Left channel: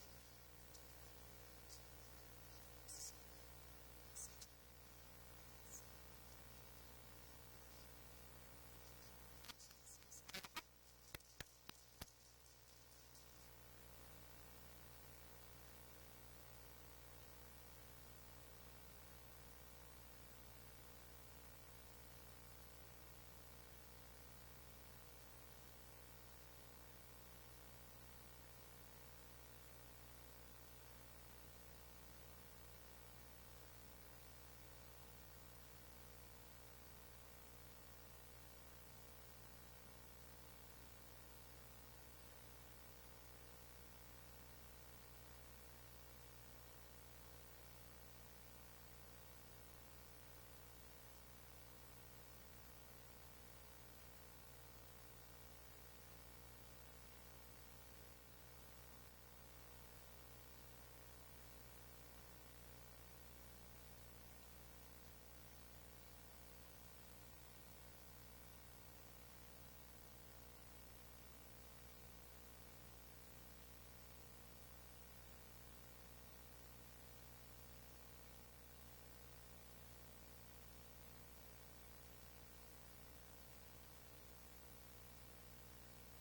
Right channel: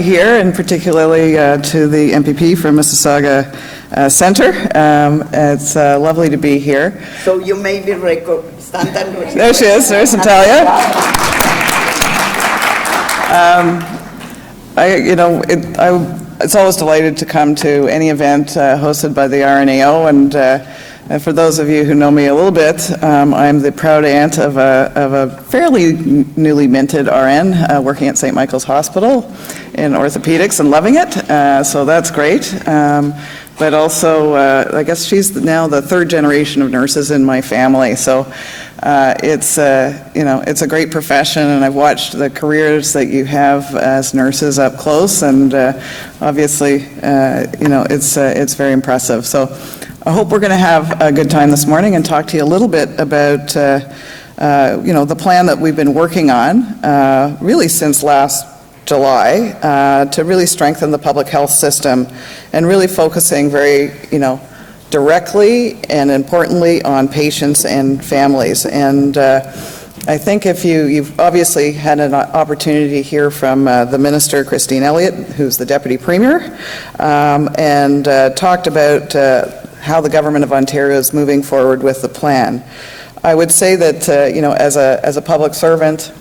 here, and particularly to the MPP from Mississauga Centre. It's lovely to be here. So you may be stand and there she is. There's Natalia. It's always delighted to come to any event hosted by the RNAO, and for those of you who know me a little bit, I'm the proud aunt of a fairly newly minted RN working at St. Michael's Hospital in orthopedics and loving it, so that's great. But also, I guess she's now the third generation of nurses in my family, so it's a great profession, and I've watched the careers that you have as nurses up close, and obviously, it's very impressive. So I hope we're going to have a good time this morning and talk to you a little bit about the plan that we've been working on really since last July to really strengthen the public health system, and really focusing very directly and importantly on patients and families. And I think if you've obviously had an opportunity to hear from the Minister, Christine Elliott, who's the Deputy Premier, and talked about how the Government of Ontario is moving forward with the plan. I would say that as a public servant,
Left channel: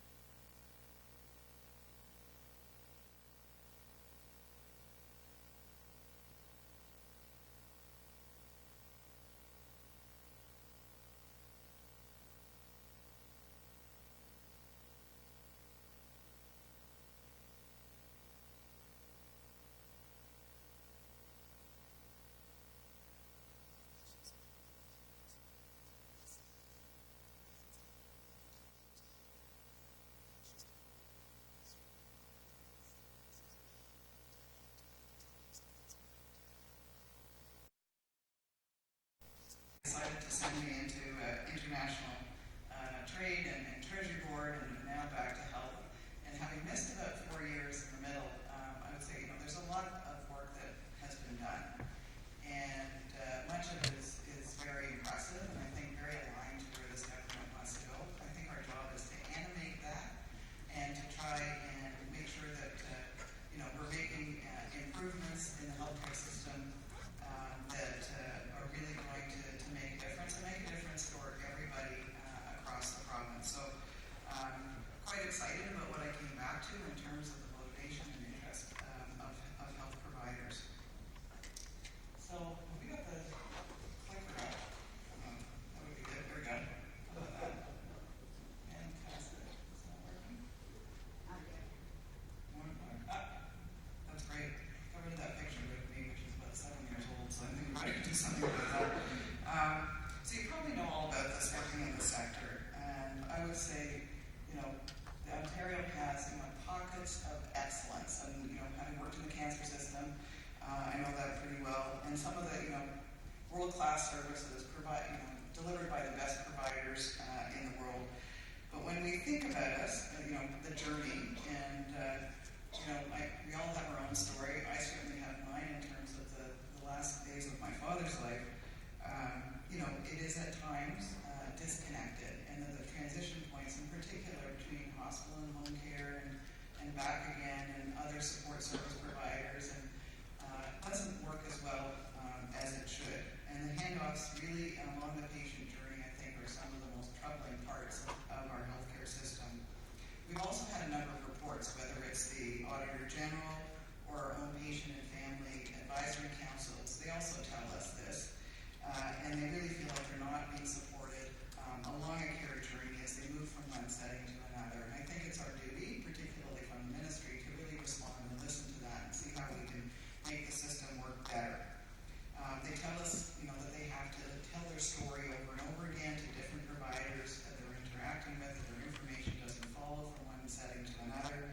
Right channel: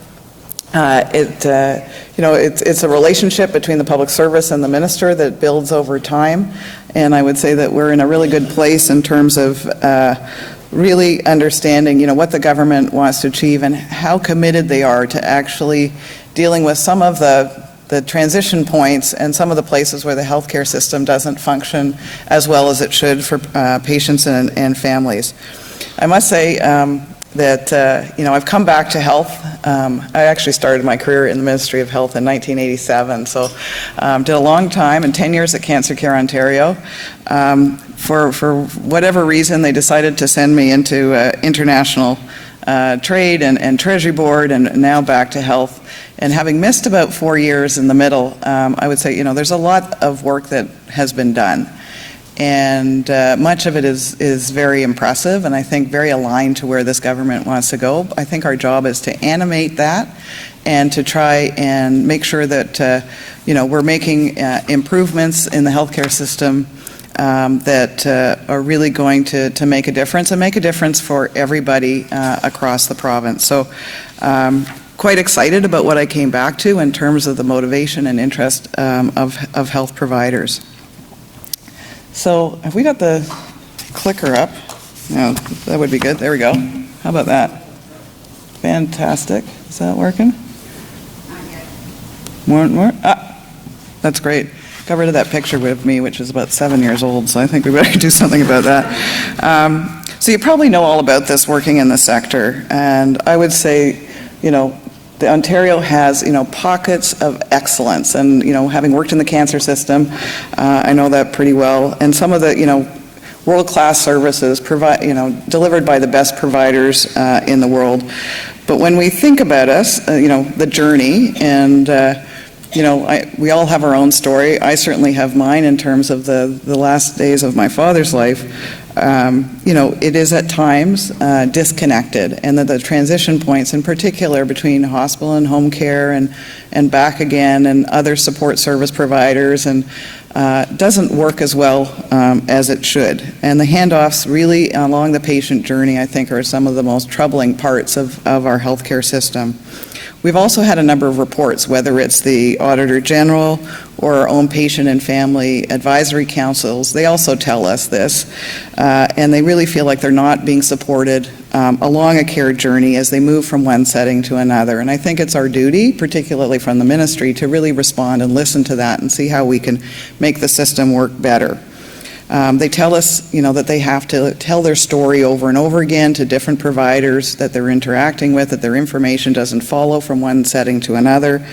it's a relationship between the public service and the minister that builds over time, and I would say that we're in a really good place in terms of really understanding what the government wants to achieve and how committed they are to actually dealing with some of the transition points and some of the places where the healthcare system doesn't function as well as it should for patients and families. I must say that I've come back to health. I actually started my career in the Ministry of Health in 1987, so did a long time and 10 years at Cancer Care Ontario. For whatever reason, they decided to send me into international trade and Treasury Board, and now back to health. And having missed about 4 years in the middle, I would say there's a lot of work that has been done. And much of it is very impressive, and I think very aligned to where this government wants to go. I think our job is to animate that and to try and make sure that we're making improvements in the healthcare system that are really going to make a difference, and make a difference for everybody across the province. So quite excited about what I came back to in terms of the motivation and interest of health providers. So have we got the clicker up? No, that would be good. There we go. How about that? Fantastic. Is that working? More? That's great. Got rid of that picture with me, which is about 7 years old, so I think we better do something about that. So you probably know all about this working in the sector, and I would say, the Ontario has, pockets of excellence, and, having worked in the cancer system, I know that pretty well, and some of the, world-class services delivered by the best providers in the world. But when we think about us, the journey, and, we all have our own story. I certainly have mine in terms of the last days of my father's life. It is at times disconnected, and that the transition points in particular between hospital and home care and back again and other support service providers and doesn't work as well as it should. And the handoffs really along the patient journey, I think, are some of the most troubling parts of our healthcare system. We've also had a number of reports, whether it's the Auditor General or our own patient and family advisory councils. They also tell us this, and they really feel like they're not being supported along a care journey as they move from one setting to another. And I think it's our duty, particularly from the ministry, to really respond and listen to that and see how we can make the system work better. They tell us, that they have to tell their story over and over again to different providers that they're interacting with, that their information doesn't follow from one setting to another.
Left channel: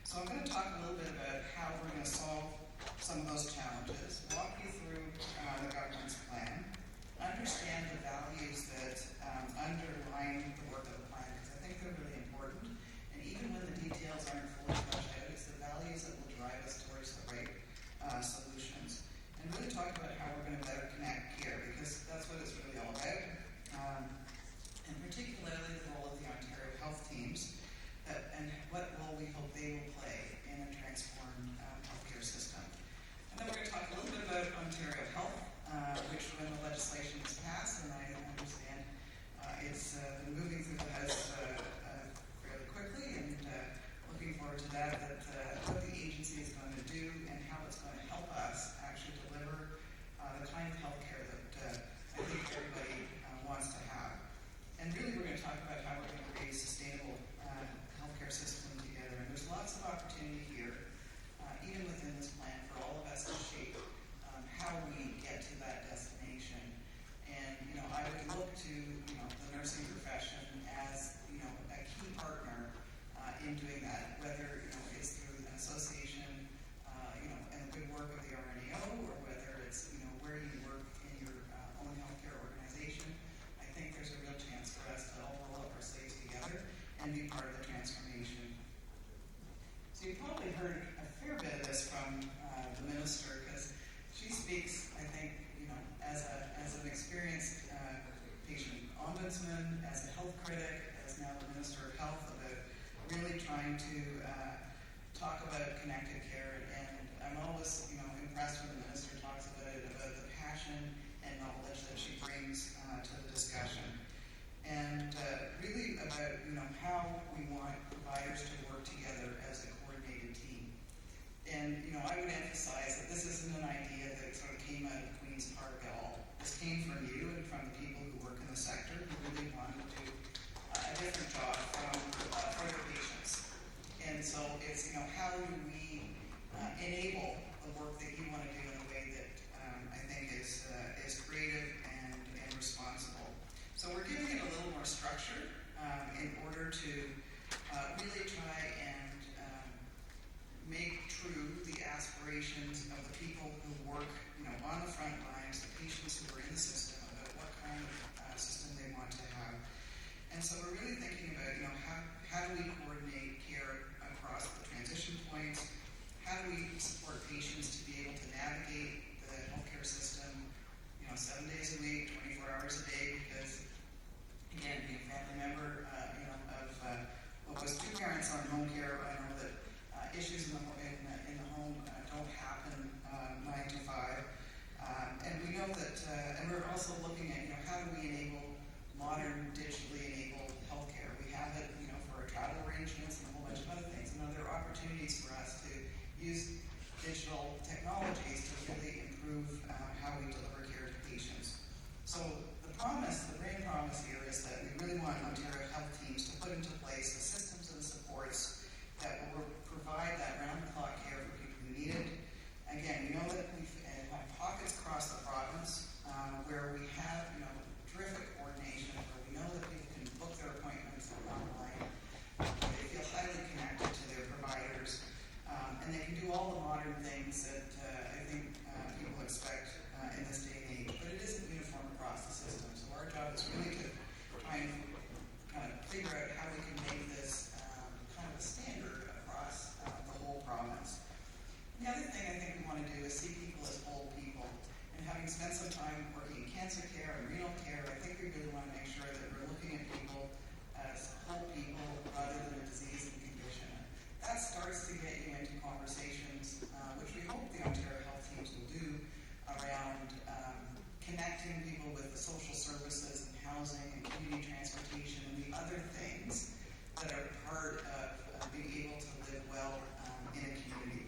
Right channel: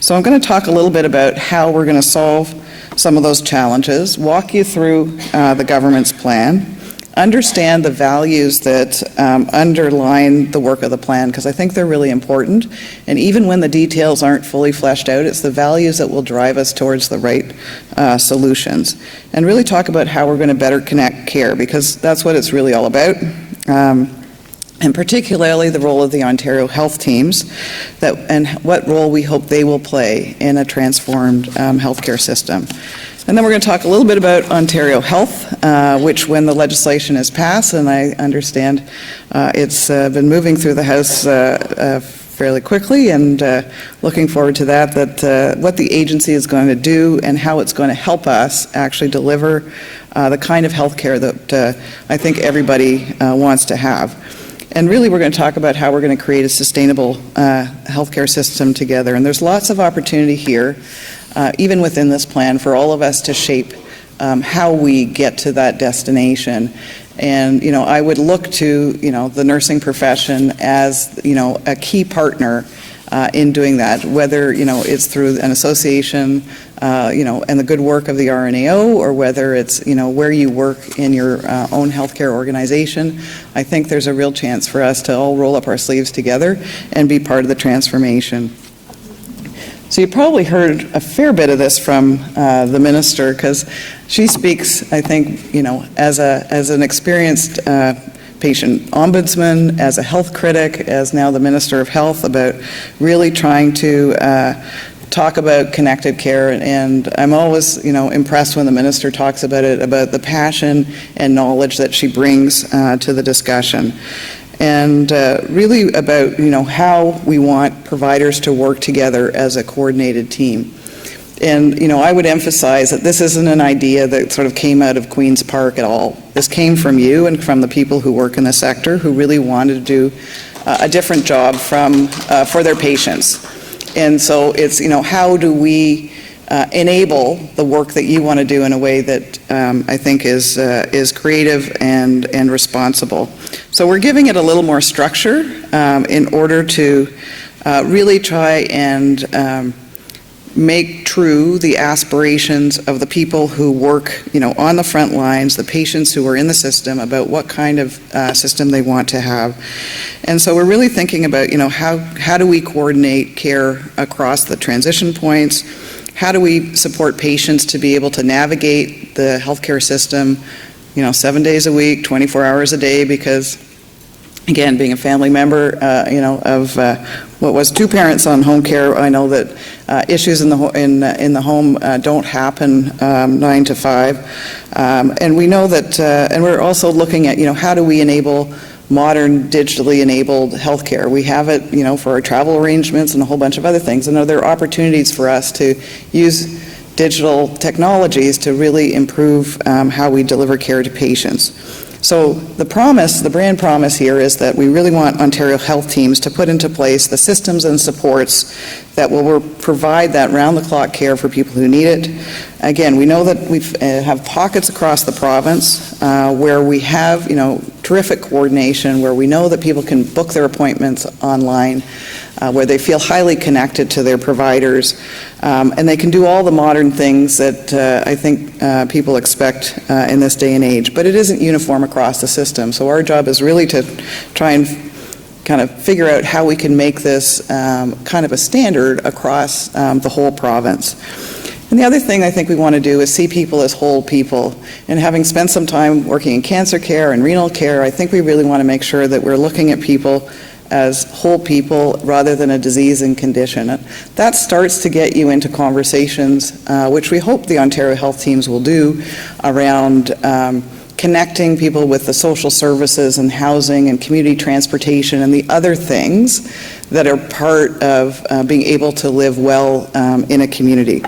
So I'm going to talk a little bit about how we're going to solve some of those challenges, walk you through the government's plan, understand the values that underline the work of the plan, because I think they're really important. And even when the details aren't fully fleshed out, it's the values that will drive us towards the right solutions. And really talk about how we're going to better connect care, because that's what it's really all about. and particularly the role of the Ontario health teams, and what role we hope they will play in a transformed healthcare system. And then we're going to talk a little bit about Ontario Health, which when the legislation is passed, and I understand it's been moving through the House fairly quickly, and looking forward to that, what the agency is going to do and how it's going to help us actually deliver the kind of health care that I think everybody wants to have. And really, we're going to talk about how we're going to create a sustainable healthcare system together. And there's lots of opportunity here, even within this plan, for all of us to shape how we get to that destination. And, I would look to, the nursing profession as, a key partner in doing that, whether, it's through an association, and the good work of the RNAO, or whether it's, where you work in your own healthcare organization. I think there's a real chance for us to all roll up our sleeves together and be part of the transformation. So you probably heard a fair bit of this from the minister, because she speaks, I think, as an experienced patient ombudsman, as a health critic, as now the Minister of Health, about really trying to talk about connected care. And I'm always, impressed when the minister talks about it, about the passion and knowledge that she brings to the discussion. And really about, how we want providers to work together as a coordinated team. And, I would emphasize that this isn't an idea that sort of came out of Queen's Park at all. This came from you and from the people who work in the sector who really wanted to do a different job for their patients. And so it's, how do we enable the work that you want to do in a way that I think is creative and responsible. So we're giving it a little more structure in order to really try and make true the aspirations of the people who work, on the front lines, the patients who are in the system, about what kind of system they want to have. And so we're really thinking about, how do we coordinate care across the transition points? How do we support patients to be able to navigate the healthcare system, 7 days a week, 24 hours a day? Because, again, being a family member, of what was 2 parents on home care, I know that issues in the home don't happen 9 to 5, and we know that, and we're also looking at, how do we enable modern digitally enabled healthcare. We have it, for our travel arrangements and a whole bunch of other things. And there are opportunities for us to use digital technologies to really improve how we deliver care to patients. So the brand promise here is that we really want Ontario health teams to put into place the systems and supports that will provide that round-the-clock care for people who need it. Again, we know that we have pockets across the province where we have, terrific coordination, where we know that people can book their appointments online, where they feel highly connected to their providers, and they can do all the modern things that I think people expect in this day and age. But it isn't uniform across the system. So our job is really to try and kind of figure out how we can make this kind of a standard across the whole province. And the other thing I think we want to do is see people as whole people. And having spent some time working in cancer care and renal care, I think we really want to make sure that we're looking at people as whole people rather than a disease and condition. That starts to get you into conversations, which we hope the Ontario health teams will do, around connecting people with the social services and housing and community transportation and the other things that are part of being able to live well in a community.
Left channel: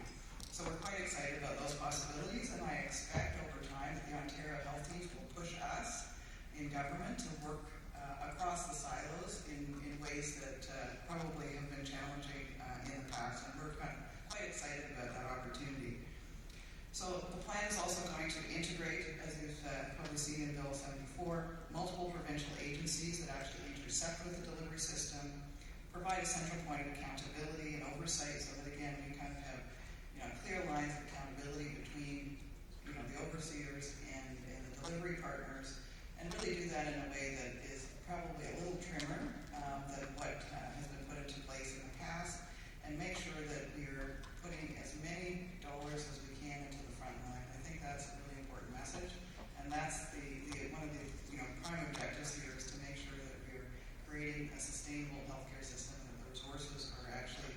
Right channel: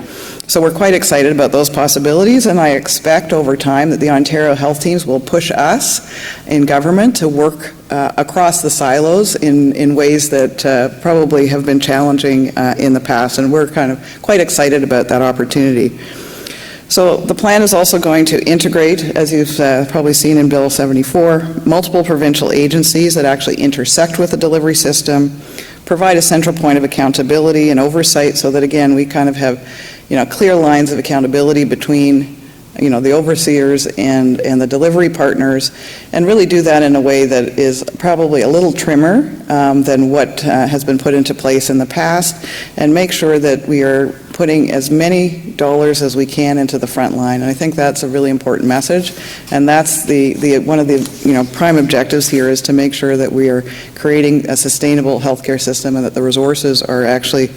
So we're quite excited about those possibilities, and I expect over time that the Ontario health teams will push us in government to work across the silos in ways that probably have been challenging in the past, and we're kind of quite excited about that opportunity. So the plan is also going to integrate, as you've probably seen in Bill 74, multiple provincial agencies that actually intersect with the delivery system, provide a central point of accountability and oversight so that, again, we kind of have clear lines of accountability between the overseers and the delivery partners, and really do that in a way that is probably a little trimmer than what has been put into place in the past, and make sure that we are putting as many dollars as we can into the front line. And I think that's a really important message, and that's one of the prime objectives here, is to make sure that we are creating a sustainable healthcare system and that the resources are actually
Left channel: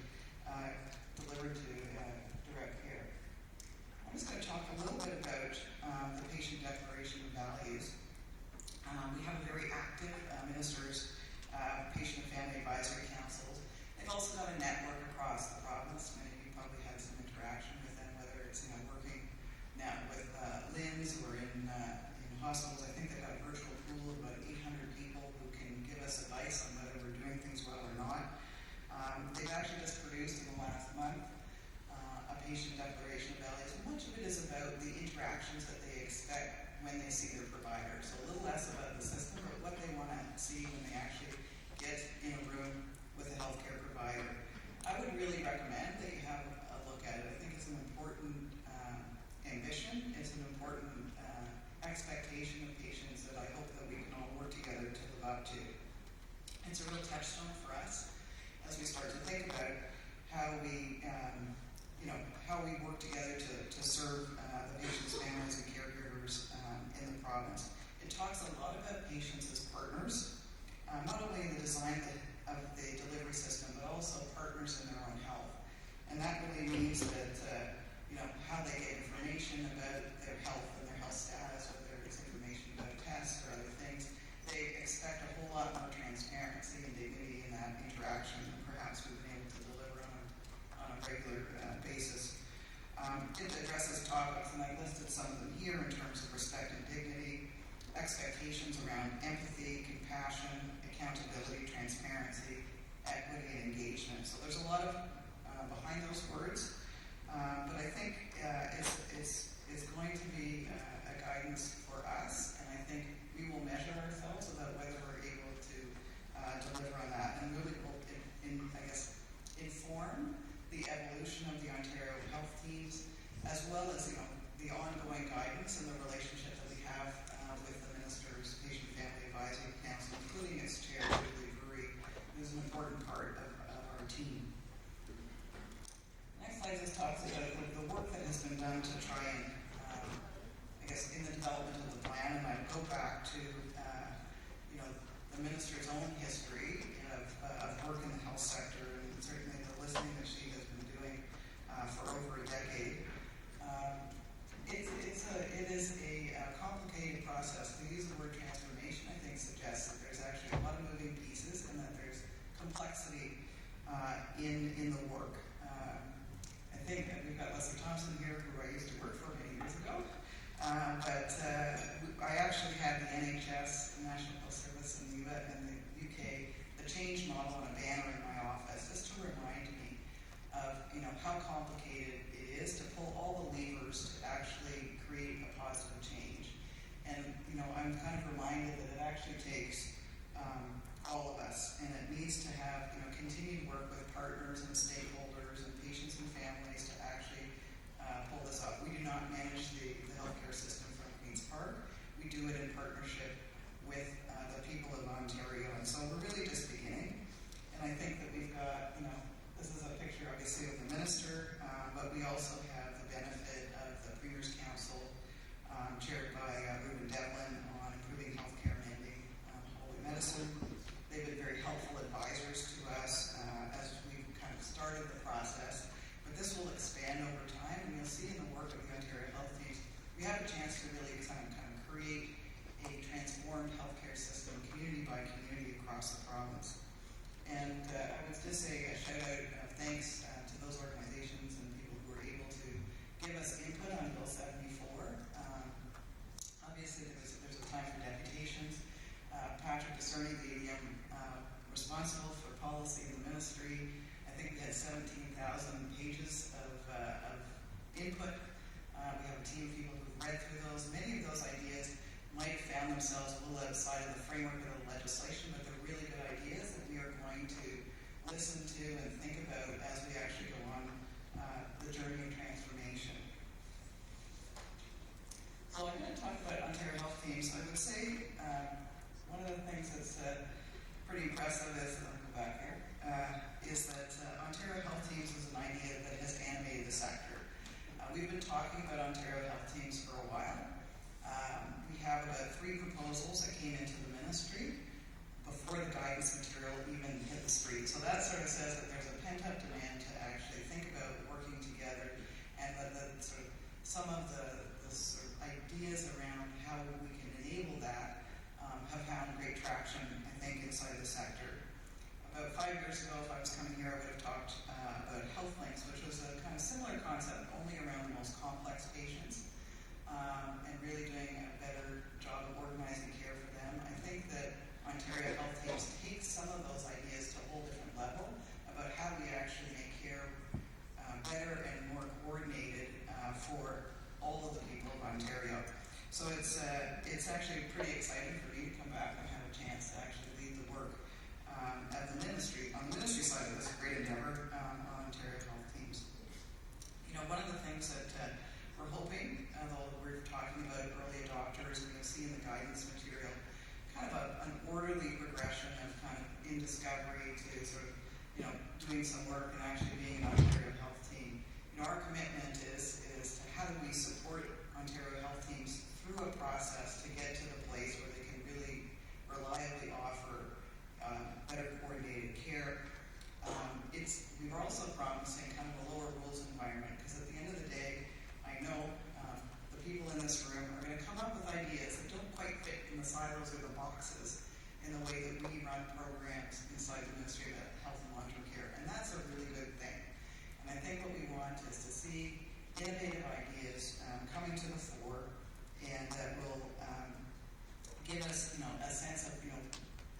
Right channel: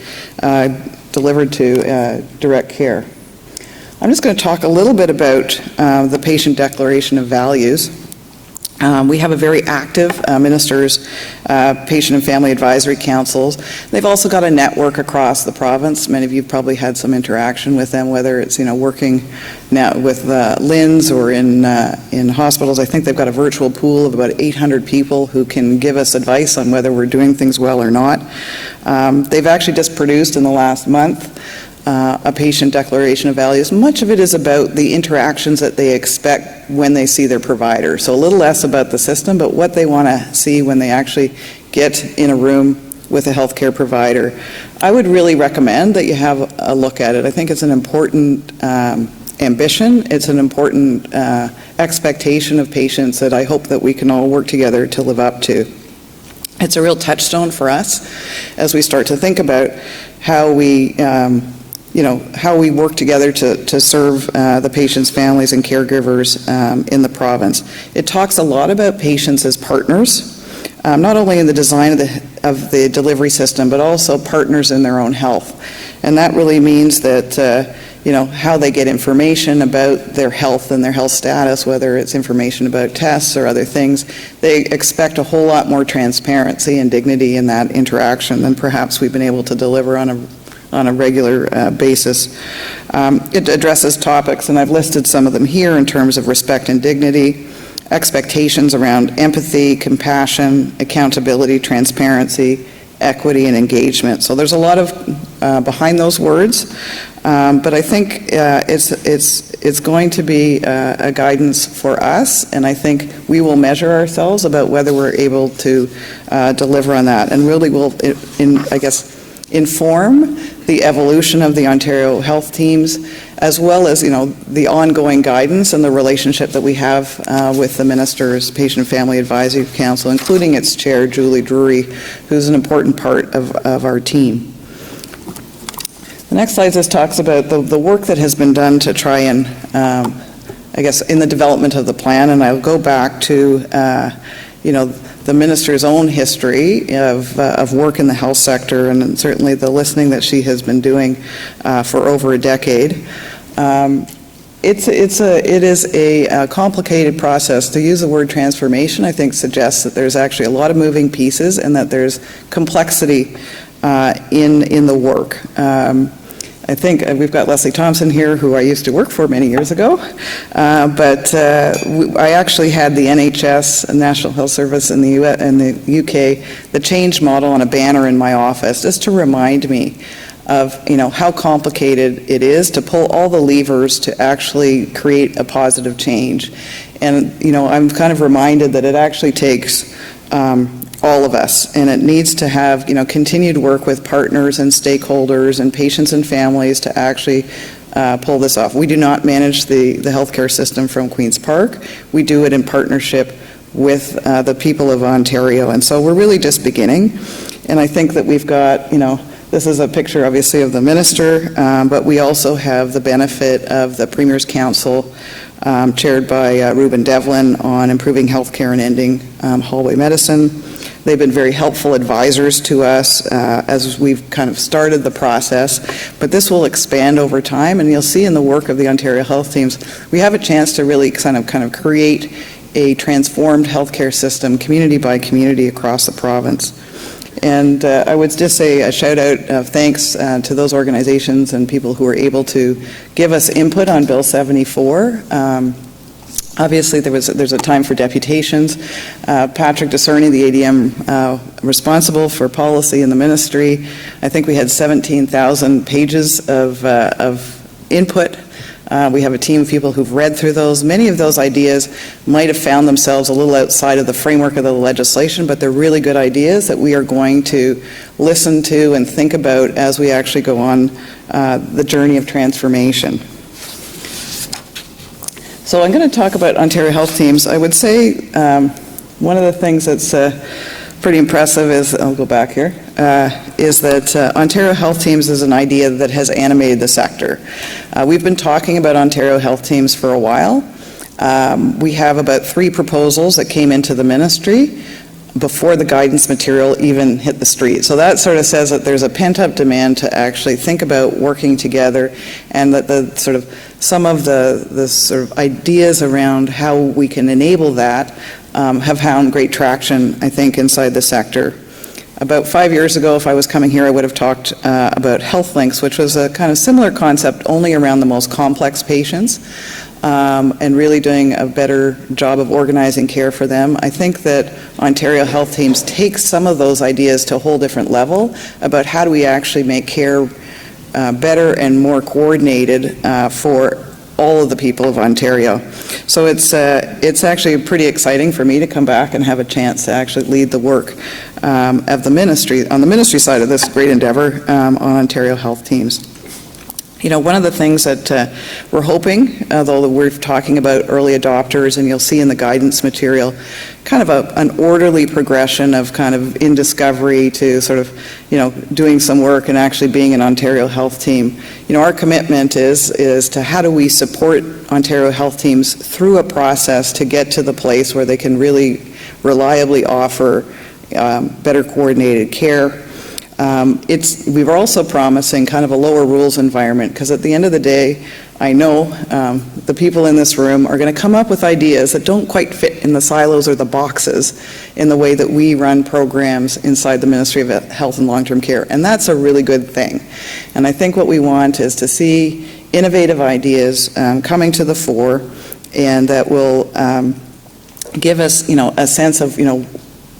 delivered to direct care. I'm just going to talk a little bit about the Patient Declaration of Values. We have a very active Ministers' Patient and Family Advisory Councils. They've also got a network across the province. Many of you probably had some interaction with them, whether it's working now with LHINs or in hospitals. I think they've got a virtual pool of about 800 people who can give us advice on whether we're doing things well or not. They've actually just produced in the last month a patient declaration of values. Much of it is about the interactions that they expect when they see their provider. So a little less about the system, but what they want to see when they actually get in a room with a healthcare provider. I would really recommend that you have a look at it. I think it's an important ambition. It's an important expectation of patients that I hope that we can all work together to live up to. It's a real touchstone for us as we start to think about how we how we work together to serve the patients, families, and caregivers in the province. It talks a lot about patients as partners, not only in the design of the delivery system, but also partners in their own health. And that really means that how they get information about their health and their health status, whether it's information about tests or other things. They expect a whole lot more transparency and dignity in that interaction than perhaps we've been able to deliver on a regular basis. It addresses topics, and I've listed some of them here in terms of respect and dignity, expectations around empathy, compassion, accountability, transparency, equity, and engagement. So there's a lot of behind those words, but I think it's going to be a guidance for us, and I think we will measure ourselves about whether we're able to deliver on that, and really will, inform the evolution of the Ontario health teams, as well as the ongoing guidance and the relationship that we have with the Minister's Patient and Family Advisory Council, including its chair, Julie Drury, who's an important part of our team. The next slide just talks about the work that has been done to try and, in the development of the plan, and I'll go back to, the Minister's own history of work in the health sector, and certainly the listening that she has been doing for over a decade. It is a complicated process. To use the word transformation, I think, suggests that there's actually a lot of moving pieces and that there's complexity in the work. I think we've got Leslie Thompson here, who I used to work for many years ago, but I actually had the NHS, National Health Service in the UK, the change model on a banner in my office, just to remind me of how complicated it is to pull all the levers to actually create a positive change. And I'm kind of reminded that it actually takes all of us, and it needs to have continued work with partners and stakeholders and patients and families to actually pull this off. We do not manage the healthcare system from Queen's Park. We do it in partnership with the people of Ontario, and so we're really just beginning. And I think that we've got this is a picture obviously of the Minister, but we also have the benefit of the Premier's Council, chaired by Ruben Devlin, on improving healthcare and ending hallway medicine. They've been very helpful advisors to us as we've kind of started the process, but this will expand over time, and you'll see in the work of the Ontario health teams, we have a chance to really kind of create a transformed healthcare system, community by community, across the province. And I would just say a shout out of thanks to those organizations and people who were able to give us input on Bill 74. Obviously, there's a time for deputations. Patrick Discerny, the ADM responsible for policy in the ministry, I think we had 17,000 pages of input. We have a team of people who've read through those. Many of those ideas might have found themselves a little outside of the framework of the legislation, but they're really good ideas that we are going to listen to and think about as we actually go on the journey of transformation. So I'm going to talk about Ontario Health Teams. I would say one of the things that's pretty impressive is, I'll go back here, is that Ontario Health Teams is an idea that has animated the sector. We've been talking about Ontario Health Teams for a while. We have about 3 proposals that came into the ministry before the guidance material even hit the street. So that sort of says that there's a pent-up demand to actually think about working together, and that the sort of some of the sort of ideas around how we can enable that have found great traction, I think, inside the sector. About 5 years ago, if I was coming here, I would have talked about Health Links, which was a kind of similar concept, only around the most complex patients, and really doing a better job of organizing care for them. I think that Ontario Health Teams take some of those ideas to a whole different level about how do we actually make care better and more coordinated for all of the people of Ontario. So it's actually pretty exciting for me to come back and have a chance to actually lead the work of the ministry, on the ministry side of this great endeavor on Ontario Health Teams. You know, one of the things that we're hoping, although we're talking about early adopters, and you'll see in the guidance material, kind of an orderly progression of kind of in discovery to sort of, you know, doing some work and actually being an Ontario Health Team. You know, our commitment is to how do we support Ontario Health Teams through a process to get to the place where they can really reliably offer better coordinated care. We were also promising kind of a lower rules environment, because at the end of the day, I know the people in this room are going to come up with ideas that don't quite fit in the silos or the boxes in the way that we run programs inside the Ministry of Health and Long-Term Care, and that's a really good thing. And I think what we want is to see innovative ideas coming to the fore, and that will give us, you know, a sense of, you know,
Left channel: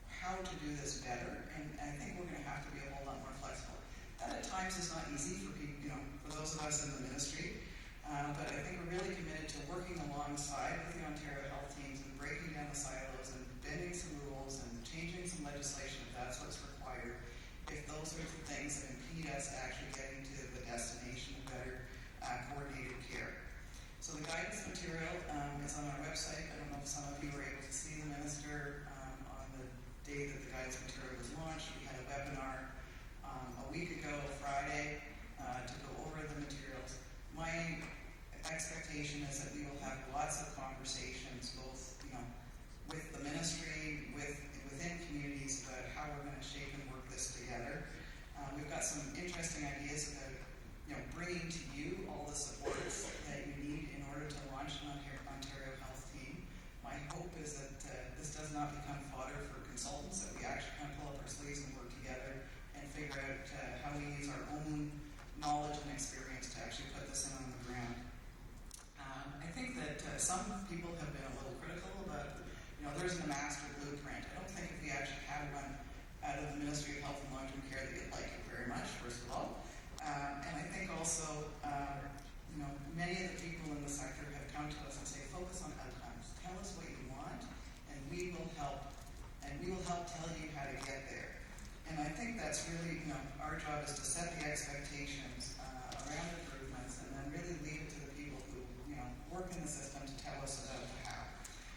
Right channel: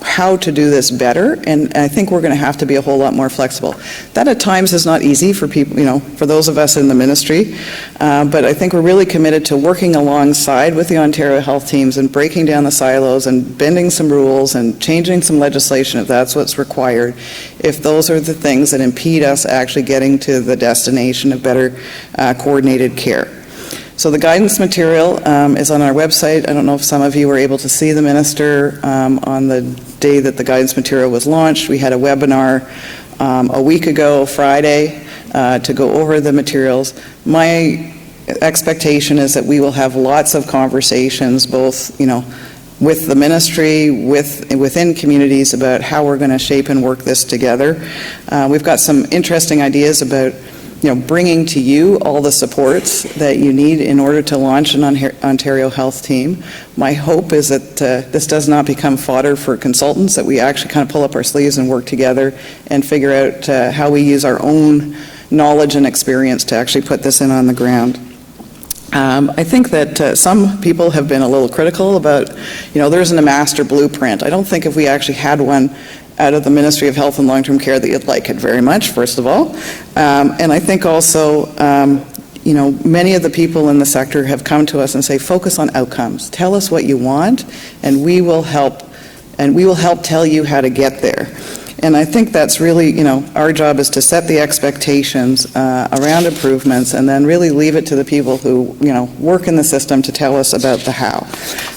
how to do this better, and I think we're going to have to be a whole lot more flexible. That at times is not easy for people, you know, for those of us in the ministry, but I think we're really committed to working alongside with the Ontario Health Teams and breaking down the silos and bending some rules and changing some legislation if that's what's required, if those are the things that impede us actually getting to the destination of better coordinated care. So the guidance material is on our website. I don't know if some of you were able to see the minister on the day that the guidance material was launched. We had a webinar a week ago, Friday, to go over the materials. My expectation is that we will have lots of conversations, both, you know, with the ministry, within communities, about how we're going to shape and work this together. We've got some interesting ideas about, you know, bringing to you all the supports that you need in order to launch an Ontario Health Team. My hope is that this does not become fodder for consultants, that we actually kind of pull up our sleeves and work together and figure out how we use our own knowledge and experience to actually put this in on the ground. I think that some people have been a little critical about, you know, there isn't a master blueprint. I don't think if we actually had one out of the Ministry of Health and Long-Term Care that you'd like it very much, first of all. And I think also, you know, many of the people in the sector have come to us and say, focus on outcomes. Tell us what you want, and we will help tell you how to get there. And I think that's really, you know, our job is to set the expectations around improvements, and then really leave it to the people who, you know, work in the system to tell us about the how.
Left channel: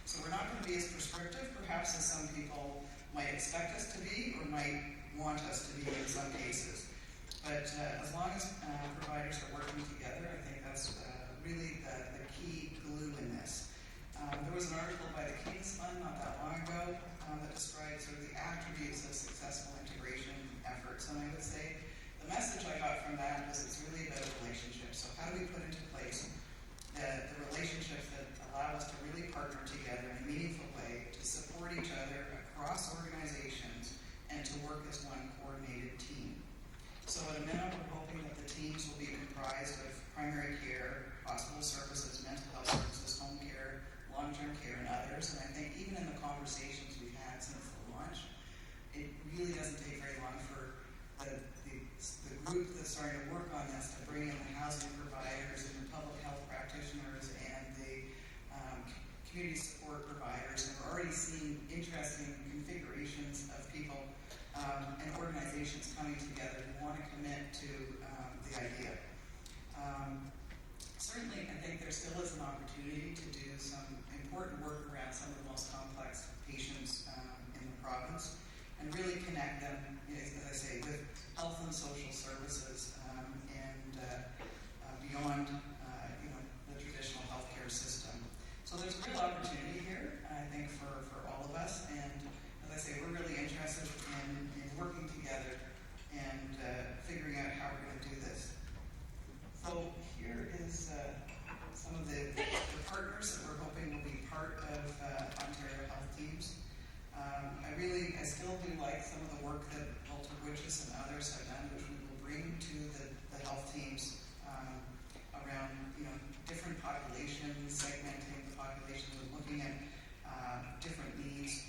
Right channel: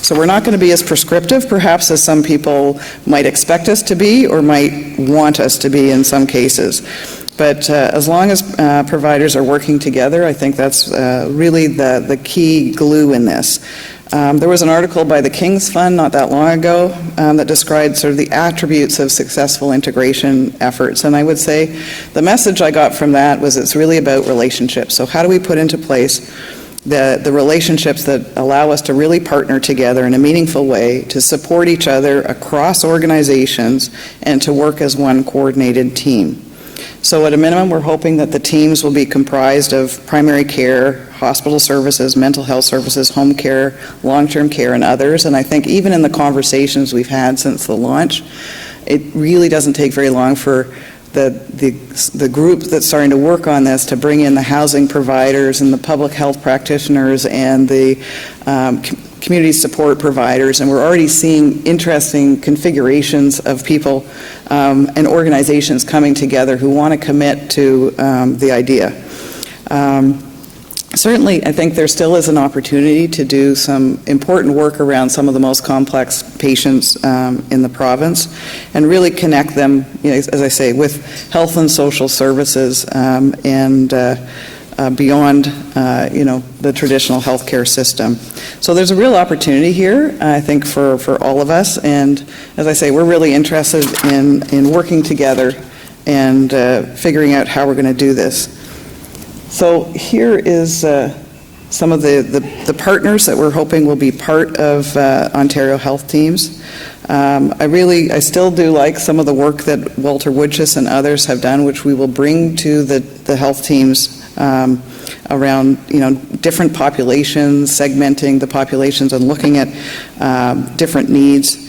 So we're not going to be as prescriptive, perhaps, as some people might expect us to be or might want us to be in some cases. But as long as providers are working together, I think that's really the key glue in this. There was an article by the King's Fund not that long ago that described sort of the attributes of successful integration efforts. And I would say the message I got from that was it's really about relationships. So how do we put into place the relationships that allow us to really partner together in a meaningful way, to support each other across organizations, and to work as one coordinated team. So at a minimum, we're hoping that the teams will be comprised of primary care, hospital services, mental health services, home care, long-term care, and others. And I think even in the conversations we've had since the launch, it really doesn't take very long for the group that's starting to work on this to bring in the housing providers and the public health practitioners and the community support providers, and we're already seeing interesting configurations of people and organizations coming together who want to commit to the idea. certainly, I think there still is an opportunity to do some important work around some of the most complex patients in the province and really connect them, as I say, with health and social services and beyond, the traditional healthcare system. So there's a real opportunity here, I think, for all of us. And as I say, we're really interested in working together and figuring out how we're going to do this. So here is some of the partners that we're hoping will be part of Ontario Health Teams. I still do like some of the work that Walter Woodchus and others have done, which we will bring to the health teams around, different populations, segmenting the populations and looking at different needs.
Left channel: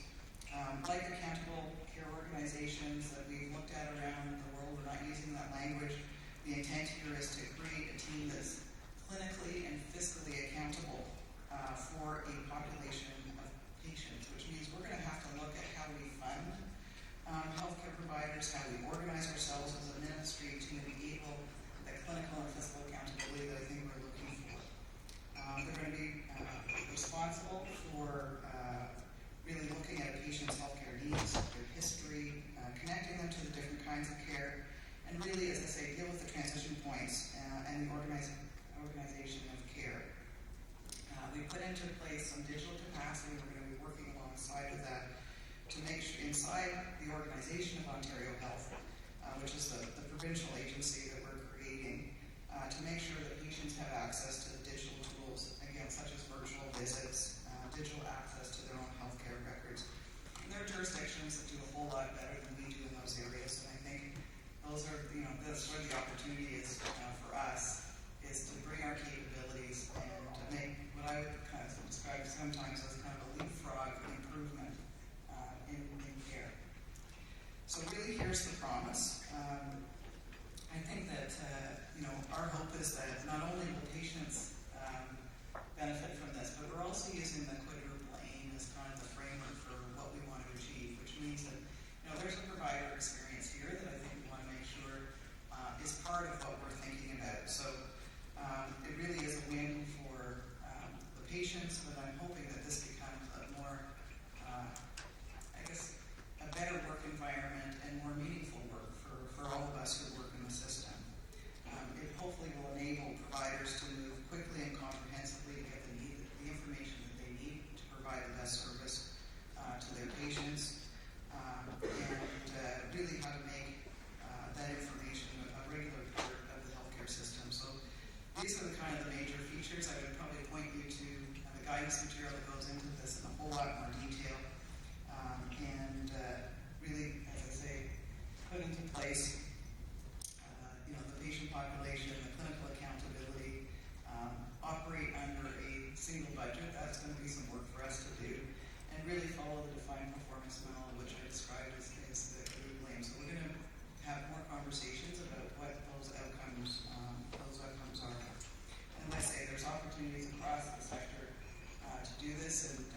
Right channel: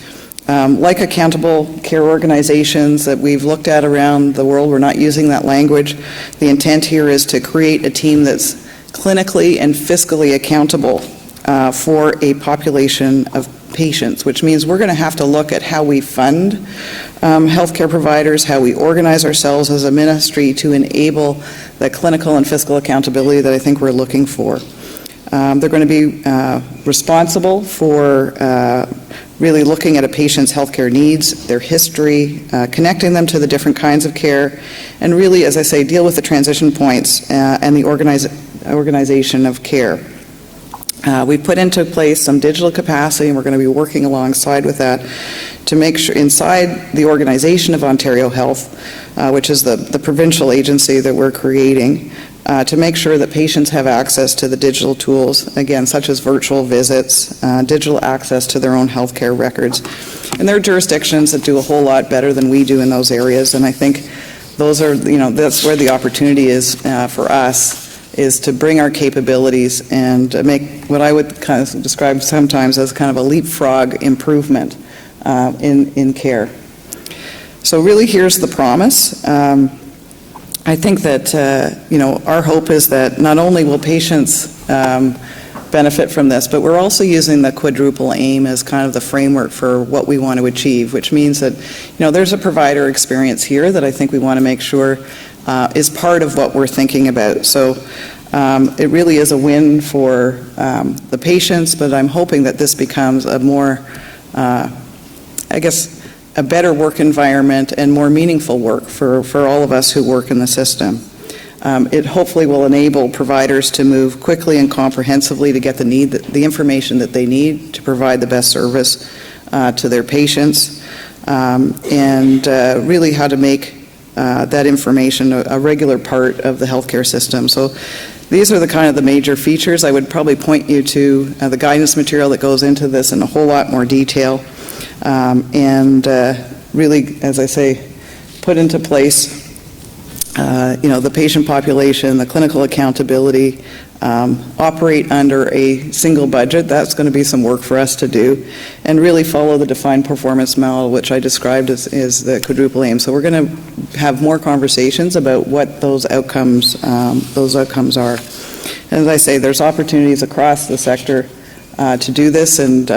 Like accountable care organizations that we've looked at around the world, we're not using that language. The intent here is to create a team that's clinically and fiscally accountable for a population of patients, which means we're going to have to look at how we fund healthcare providers, how we organize ourselves as a ministry to enable the clinical and fiscal accountability that I think we're looking for. They're going to be responsible for really looking at a patient's healthcare needs, their history, connecting them to the different kinds of care, and really, as I say, deal with the transition points and the organization of care. We've put into place some digital capacity, and we're going to be working alongside with that to make sure inside the organization of Ontario Health, which is the provincial agency that we're creating, to make sure that patients have access to the digital tools, again, such as virtual visits, digital access to their own healthcare records. And there are jurisdictions that do a whole lot better than we do in those areas, and I think those are, that's where the opportunity is for us, is to bring our capabilities and make what I would kind of describe sometimes as kind of a leapfrog improvement in care. So really here's the promise. I think that, our hope is that not only will patients benefit from this, but we're also using the quadruple aim as kind of the framework for what we want to achieve, which means that, there's a provider experience here that I think we want to make sure is part of what we're thinking about. So it really is a win for the patients, but I'm hoping that this becomes a more, a better work environment and more meaningful work for all of us who work in the system. It hopefully will enable providers to move quickly and comprehensively to get the information that they need to provide the best service to their patients, and really how to make that information a regular part of the healthcare system. So these are the kind of the major features. I would probably point you to the guidance material that goes into this in a whole lot more detail. And really, as I say, put into place, the patient population, the clinical accountability, operate under a single budget. That's going to be some work for us to do, and really follow the defined performance model, which I described as the quadruple aim. So we're going to have more conversations about what those outcomes are. As I say, there's opportunities across the sector to do this, and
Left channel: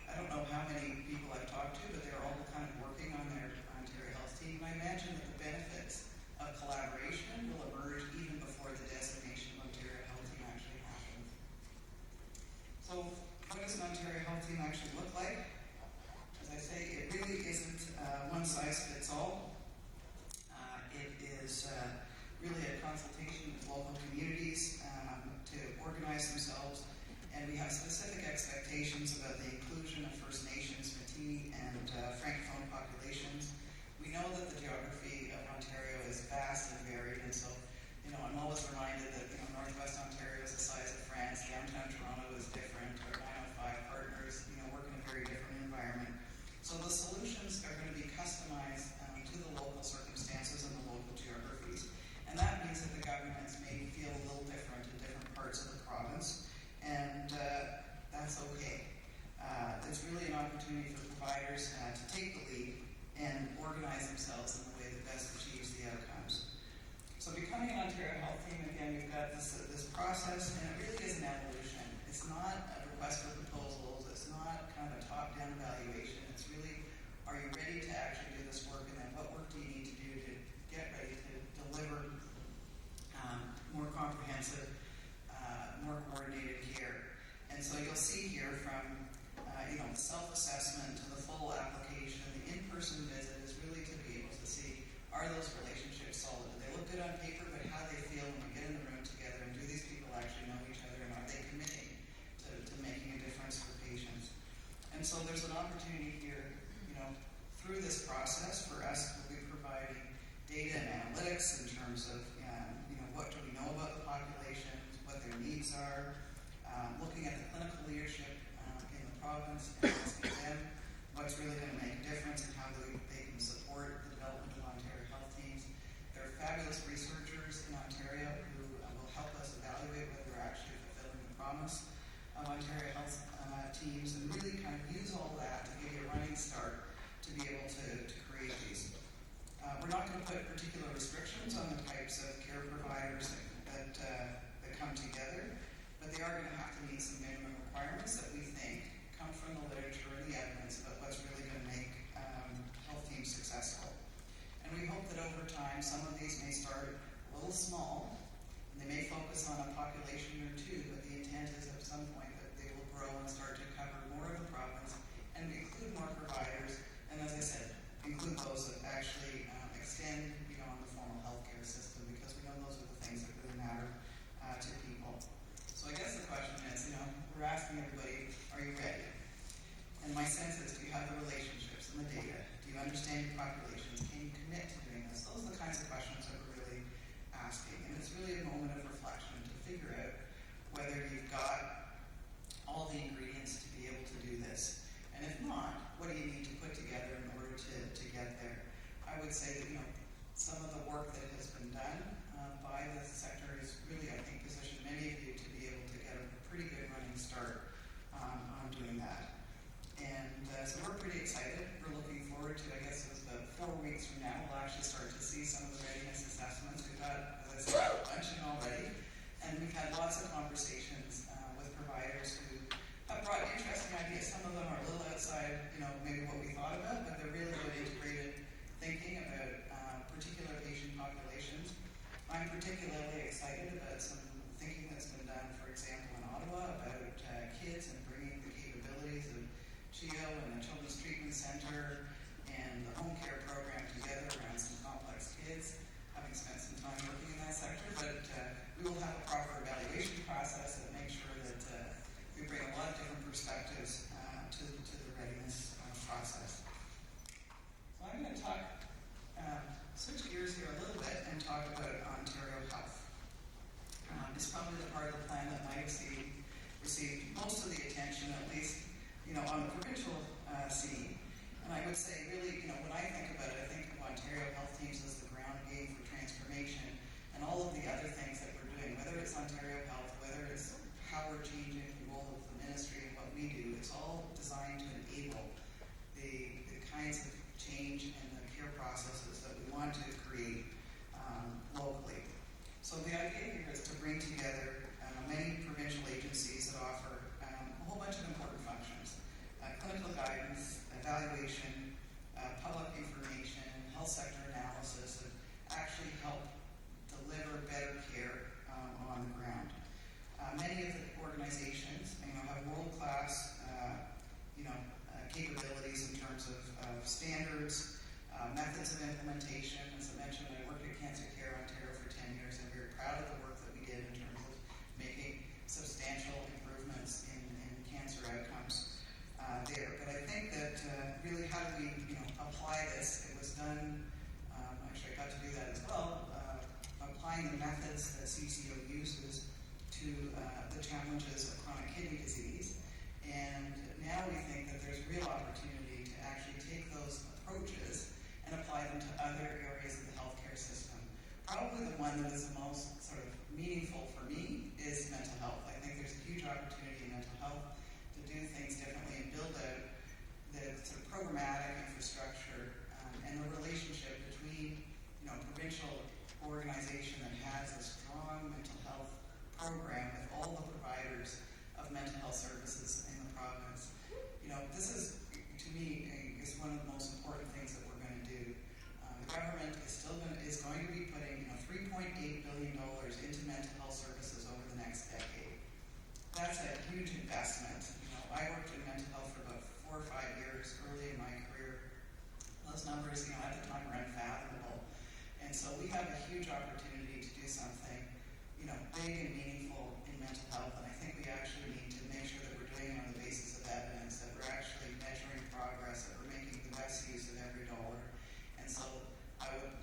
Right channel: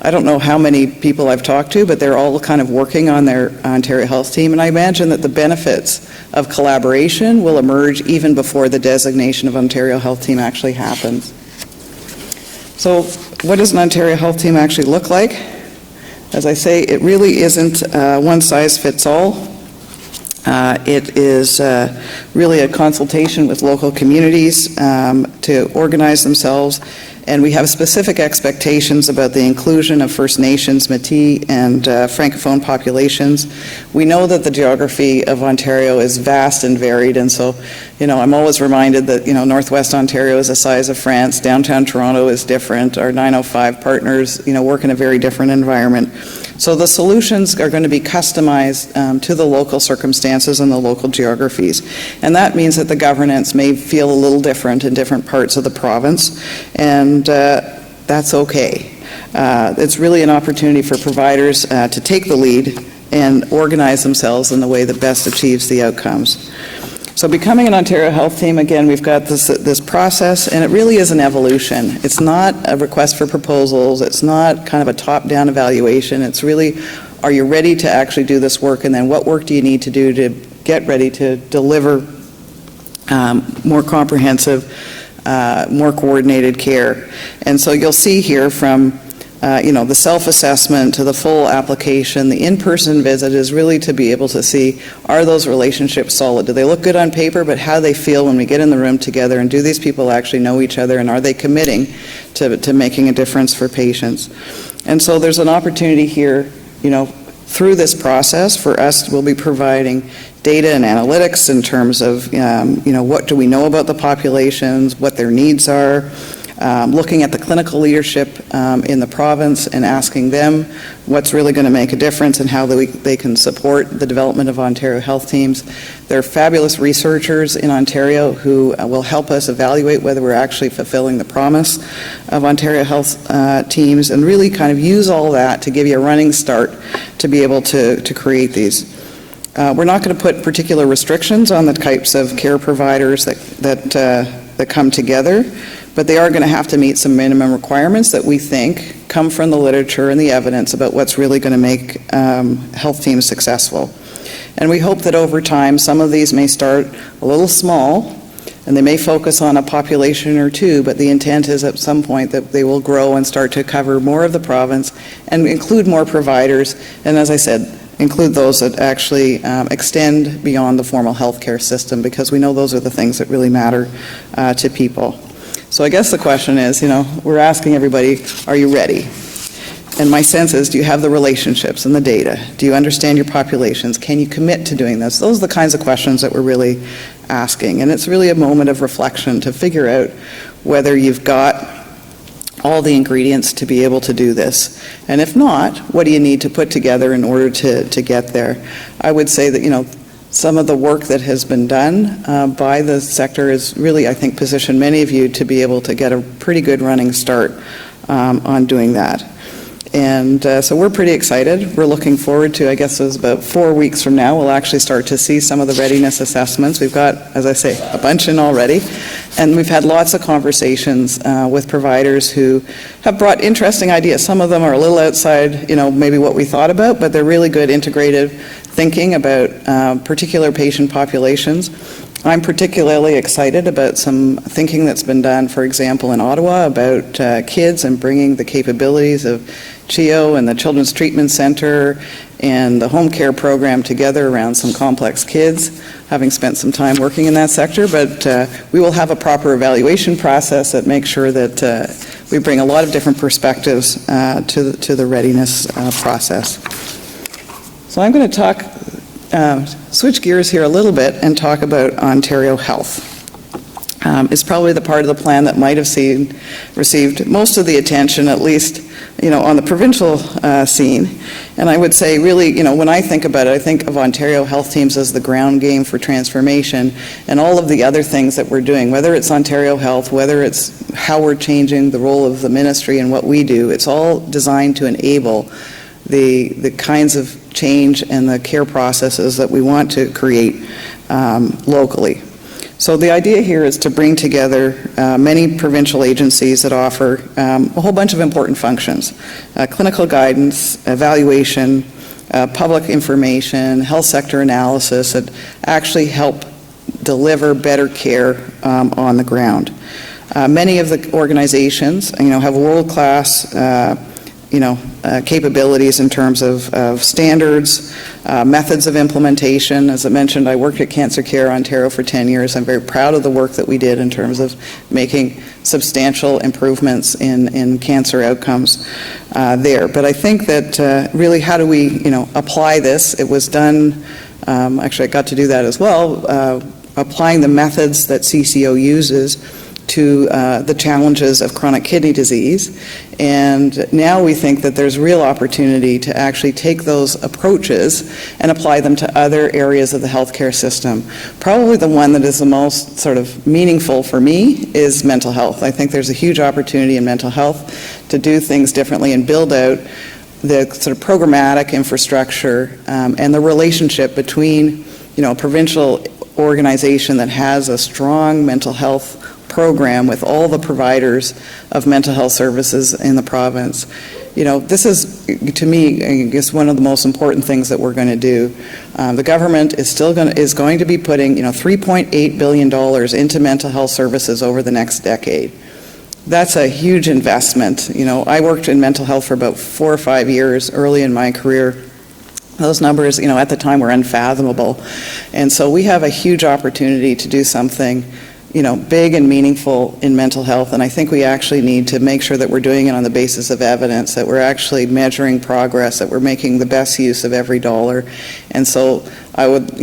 I don't know how many people I've talked to, but they're all kind of working on their Ontario Health Team, and I imagine that the benefits of collaboration will emerge even before the designation of Ontario Health Team actually happens. So what does an Ontario Health Team actually look like? As I say, it really isn't one size fits all. It is really a consultation with local communities to organize themselves, and we have specific expectations about the inclusion of First Nations, Métis, and Francophone populations. We know that the geography of Ontario is vast and varied, and so, I'm always reminded that, Northwest Ontario is the size of France, downtown Toronto is different, our 905 partners, work in a very different environment. So the solutions are going to be customized to the local circumstances and the local geographies. And that means that the governance may feel a little different in different parts of the province, and that's okay. It's really an opportunity for providers to take the lead and organize themselves in the way that best achieves the outcomes. So becoming an Ontario Health Team, again, we've got this process, and it really is an evolution. It's not a request for proposals. It's not kind of a top-down evaluation. It's really, are you ready to actually do this work, and then what work do you need to do to get ready to deliver more comprehensive more coordinated care. And so you'll see here from the self-assessment to the full application, the in-person visit is really to be able to see, are those relationships solid? Do they look good on paper, but how they feel when we get in the room together, and do these people actually know each other, and are they committing to making a difference for patients? And so there's an opportunity here, through this process for us, we'll be providing data and analytics in terms of, what do we know about the populations, what their needs are, looking at the clinical leadership in the province and asking them what's really going to make a difference and how they can support the development of Ontario health teams. There are fabulous researchers in Ontario who will help us evaluate whether we're actually fulfilling the promise of Ontario health teams, and really kind of use all that to give you a running start to be able to create these. We're not going to put particular restrictions on the types of care providers that come together, but they are going to have to meet some minimum requirements that we think come from the literature and the evidence about what's really going to make health teams successful. And we hope that over time, some of these may start a little small, and they may focus on a population or two, but the intent is at some point that they will grow and start to cover more of the province and include more providers, and as I said, include those that actually extend beyond the formal healthcare system, because we know those are the things that really matter to people. So I guess the question is, we're asking everybody, are you ready? And my sense is, do you have the relationships and the data? Do you understand your populations? Can you commit to doing this? Those are the kinds of questions that we're really asking. And it's really a moment of reflection to figure out whether you've got all the ingredients to be able to do this. And if not, what do you need to put together in order to get there? I would say that, some of the work that has been done by the sector is really, I think, positioned many of you to be able to get a pretty good running start on doing that. And so we're pretty excited. We're looking forward to, I guess it was about 4 weeks from now, we'll actually start to see some of the readiness assessments. We've got, as I say, a bunch in already. And we've had lots of conversations with providers who have brought interesting ideas. Some of them are a little outside, maybe what we thought about, but they're really good integrative thinking about particular patient populations. I'm particularly excited about some thinking that's been done, for example, in Ottawa about kids and bringing the capabilities of CHEO and the Children's Treatment Centre and the home care program together around some complex kids, having spent some time working in that sector. But we will have a proper evaluation process that makes sure that we bring a lot of different perspectives to the readiness process. So I'm going to switch gears here a little bit and talk about Ontario Health. It's probably the part of the plan that might have received most of the attention, at least, on the provincial scene. And I would say, really, when I think about it, I think of Ontario Health Teams as the ground game for transformation, and all of the other things that we're doing, whether it's Ontario Health, whether it's how we're changing the role of the ministry and what we do, it's all designed to enable the kinds of change and the care processes that we want to create locally. So the idea here is to bring together many provincial agencies that offer a whole bunch of important functions: clinical guidance, evaluation, public information, health sector analysis that actually help deliver better care on the ground. Many of the organizations, have world-class capabilities in terms of standards, methods of implementation. As I mentioned, I worked at Cancer Care Ontario for 10 years. I'm very proud of the work that we did in terms of making substantial improvements in cancer outcomes there. But I think that really, how do we apply this? It was done, actually I got to do that as well, applying the methods that CCO uses to the challenges of chronic kidney disease. And now we think that there's real opportunity to actually take those approaches and apply them to other areas of the healthcare system. Probably the one that is the most sort of meaningful for me is mental health. I think there's a huge opportunity in mental health to do things differently and build out the sort of programmatic infrastructure and the relationship between, a provincial organization that has a strong mental health program with all the providers of mental health services in the province, this is, to me, I guess one of the most important things that we're going to do. The government is going to be putting, $3.8 billion into mental health services over the next decade. That's a huge investment. I worked in mental health for about 4 or 5 years early in my career. Those numbers, at the time were unfathomable. And so we have a huge opportunity to do something, big and meaningful in mental health. And I think we actually need to make sure that we're doing it on the basis of evidence, that we're actually measuring progress, that we're making the best use of every dollar. And so I would,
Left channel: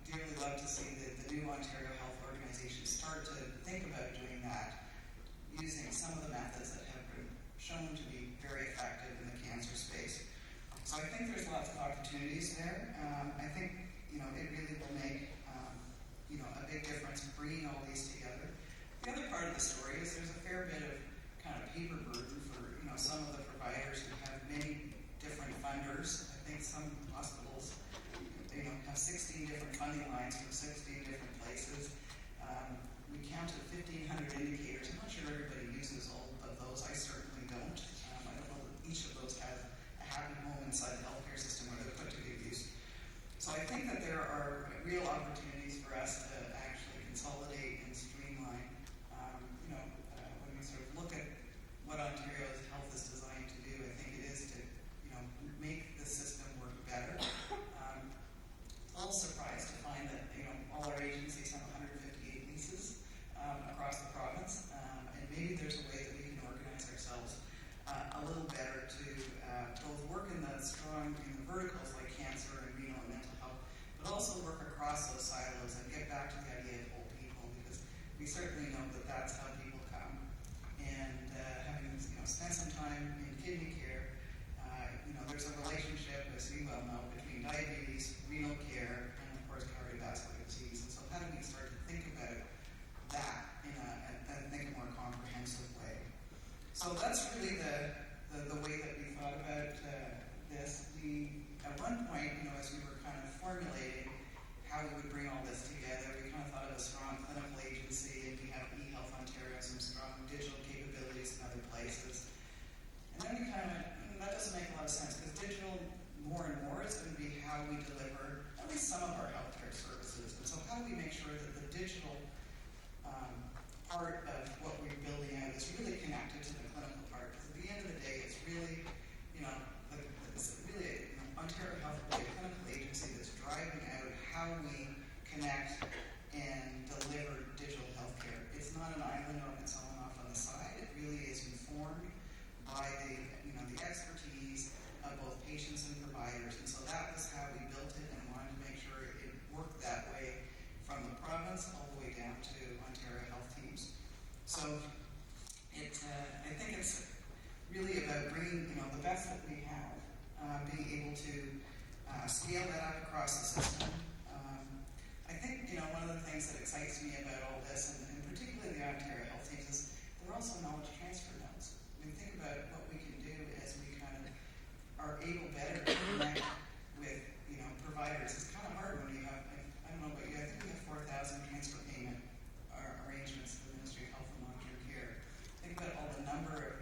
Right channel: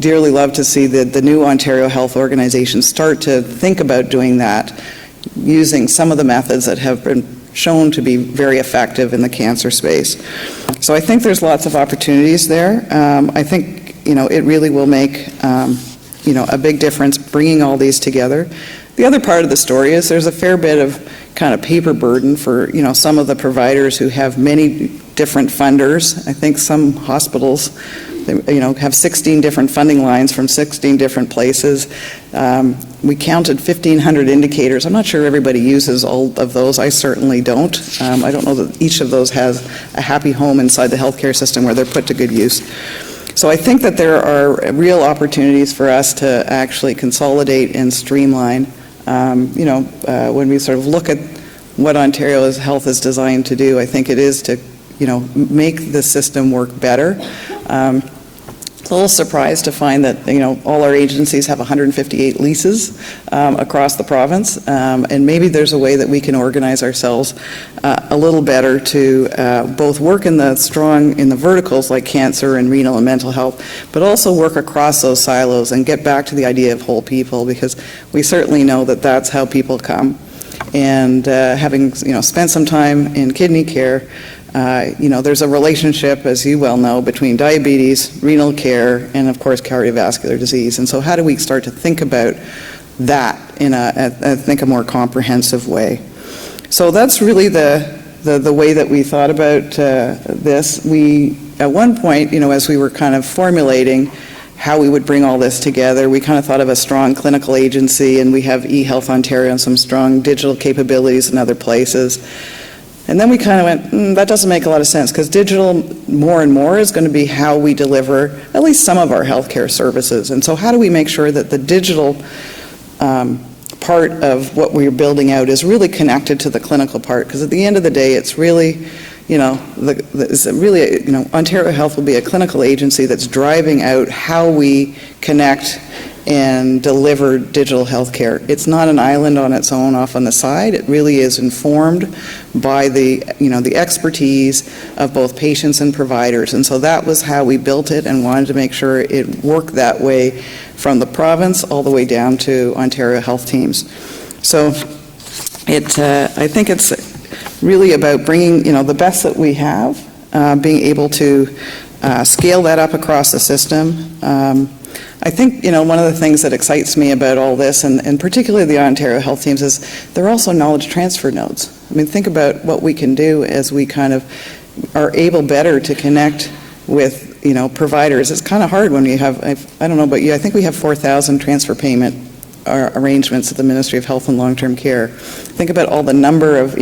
dearly love to see the new Ontario Health Organization start to think about doing that, using some of the methods that have been shown to be very effective in the cancer space. So I think there's lots of opportunities there. I think, it really will make, a big difference bringing all these together. The other part of the story is there's a fair bit of kind of paper burden for, some of the providers who have many different funders. I think some hospitals, have 16 different funding lines from 16 different places. We counted 1,500 indicators. I'm not sure everybody uses all of those. I certainly don't. I don't know that each of those has a happy home inside the healthcare system where they're put to good use. So I think that there are real opportunities for us to actually consolidate and streamline. When we sort of look at what Ontario's health is designed to do, I think it is to, make the system work better. It's a little surprised to find that, all our agencies have 158 leases across the province, and maybe there's a way that we can organize ourselves a little better to both work in the verticals like cancer and renal and mental health, but also work across those silos and get back to the idea of whole people, because we certainly know that that's how people come. And having, spent some time in kidney care, there's a relationship, as you well know, between diabetes, renal care, and of course cardiovascular disease. And so how do we start to think about that in I think a more comprehensive way? So that's really the way that we thought about this. We, at one point, as we were kind of formulating how we would bring all this together, we kind of thought of a strong clinical agency, and we have eHealth Ontario and some strong digital capabilities in other places. And then we kind of went, that doesn't make a lot of sense, because digital more and more is going to be how we deliver at least some of our healthcare services. And so how do we make sure that the digital part of what we're building out is really connected to the clinical part? Because at the end of the day, it's really, Ontario Health will be a clinical agency that's driving out how we connect and deliver digital health care. It's not an island on its own off on the side. It really is informed by the expertise of both patients and providers. And so that was how we built it and wanted to make sure it worked that way from the province all the way down to Ontario Health teams. So I think it's really about bringing, the best that we have, being able to scale that up across the system. I think, one of the things that excites me about all this, and particularly the Ontario Health teams, is they're also knowledge transfer nodes. I mean, think about what we can do as we kind of are able better to connect with, providers. It's kind of hard when you have, I don't know about you, I think we have 4,000 transfer payment arrangements at the Ministry of Health and Long-Term Care. Think about all the number of,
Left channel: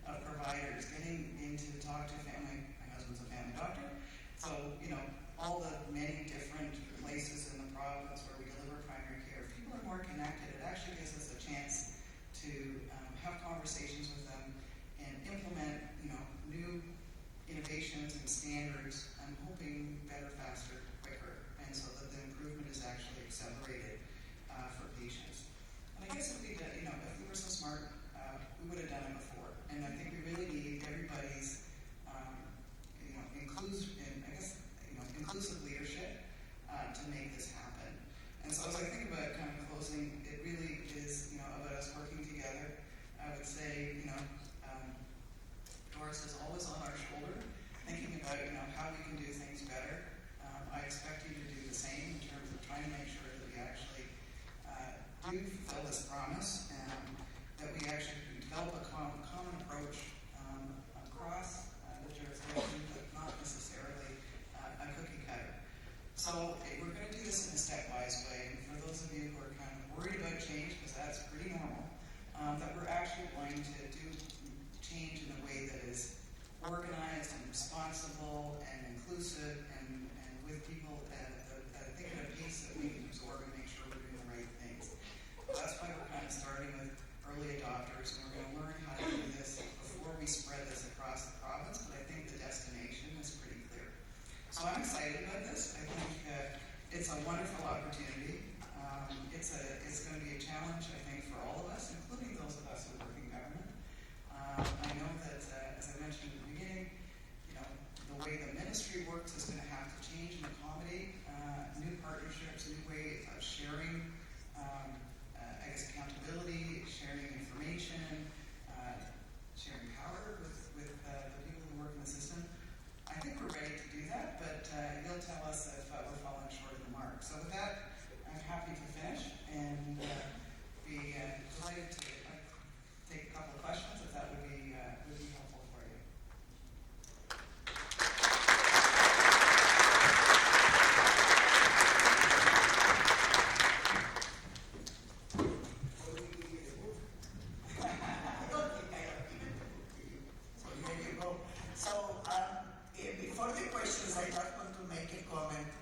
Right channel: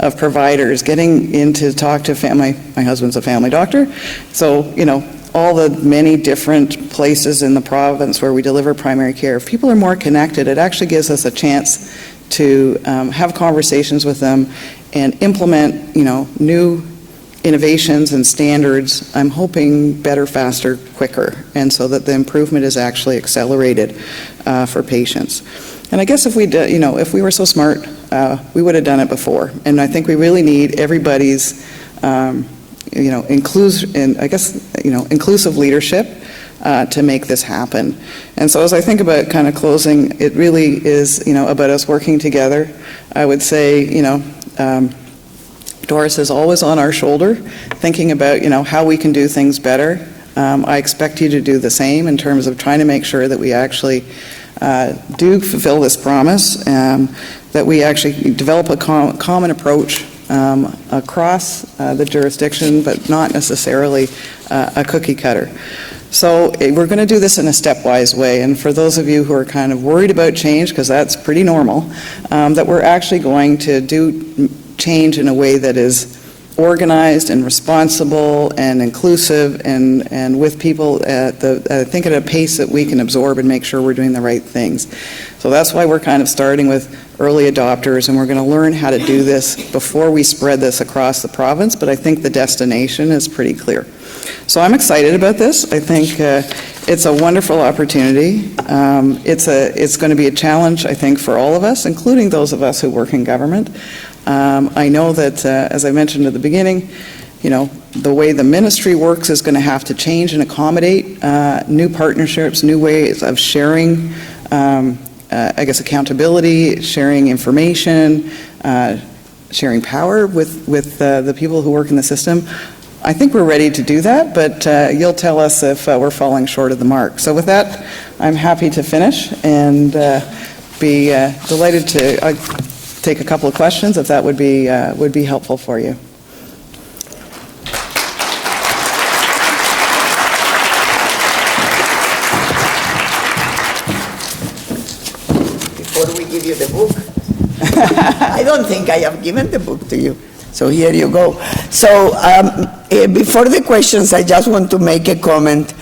of providers getting in to talk to my husband's a family doctor, so, all the many different places in the province where we deliver primary care. If people are more connected, it actually gives us a chance to have conversations with them and implement, new innovations and standards. I'm hoping better, faster, quicker, and so that the improvement is actually accelerated for patients. And I guess if we did, if we were so smart, we would have done it before. And I think we really need everybody's inclusive leadership to make this happen. And so as I think about kind of closing, it really is, about us working together. I would say, Doris is always on our shoulder, thinking about, how we can do things better. I expect you to do the same in terms of trying to make sure that we actually do fulfill this promise, that we actually develop a common approach across the jurisdiction, but not necessarily a cookie cutter. So we're going to do this in a stepwise way, and for those of you who are kind of worried about change, because that's pretty normal, that we're actually going to do change in a way that is organized and responsible and inclusive and with people I think at a pace that we can absorb and make sure we're doing the right things. So that's why we're kind of starting with early adopters, and we're going to learn how to do this before we spread this across the province, but I think the destination is pretty clear. So I'm excited about this. I think it's a wonderful opportunity. It's going to be a challenge, I think, for all of us, including those of us who work in government. I know that, as I mentioned at the beginning, the way the ministry works is going to have to change and accommodate new partnerships, new ways of sharing, accountability, sharing information, sharing power with the people who work in the system. I think we're ready to do that, but you'll tell us if we're falling short of the mark. So with that, I'm happy to finish and be delighted to take a couple of questions if that would be helpful for you. Before we give you the book, I don't think I have given the book to you. So here you go. So before the questions, I just want to make a comment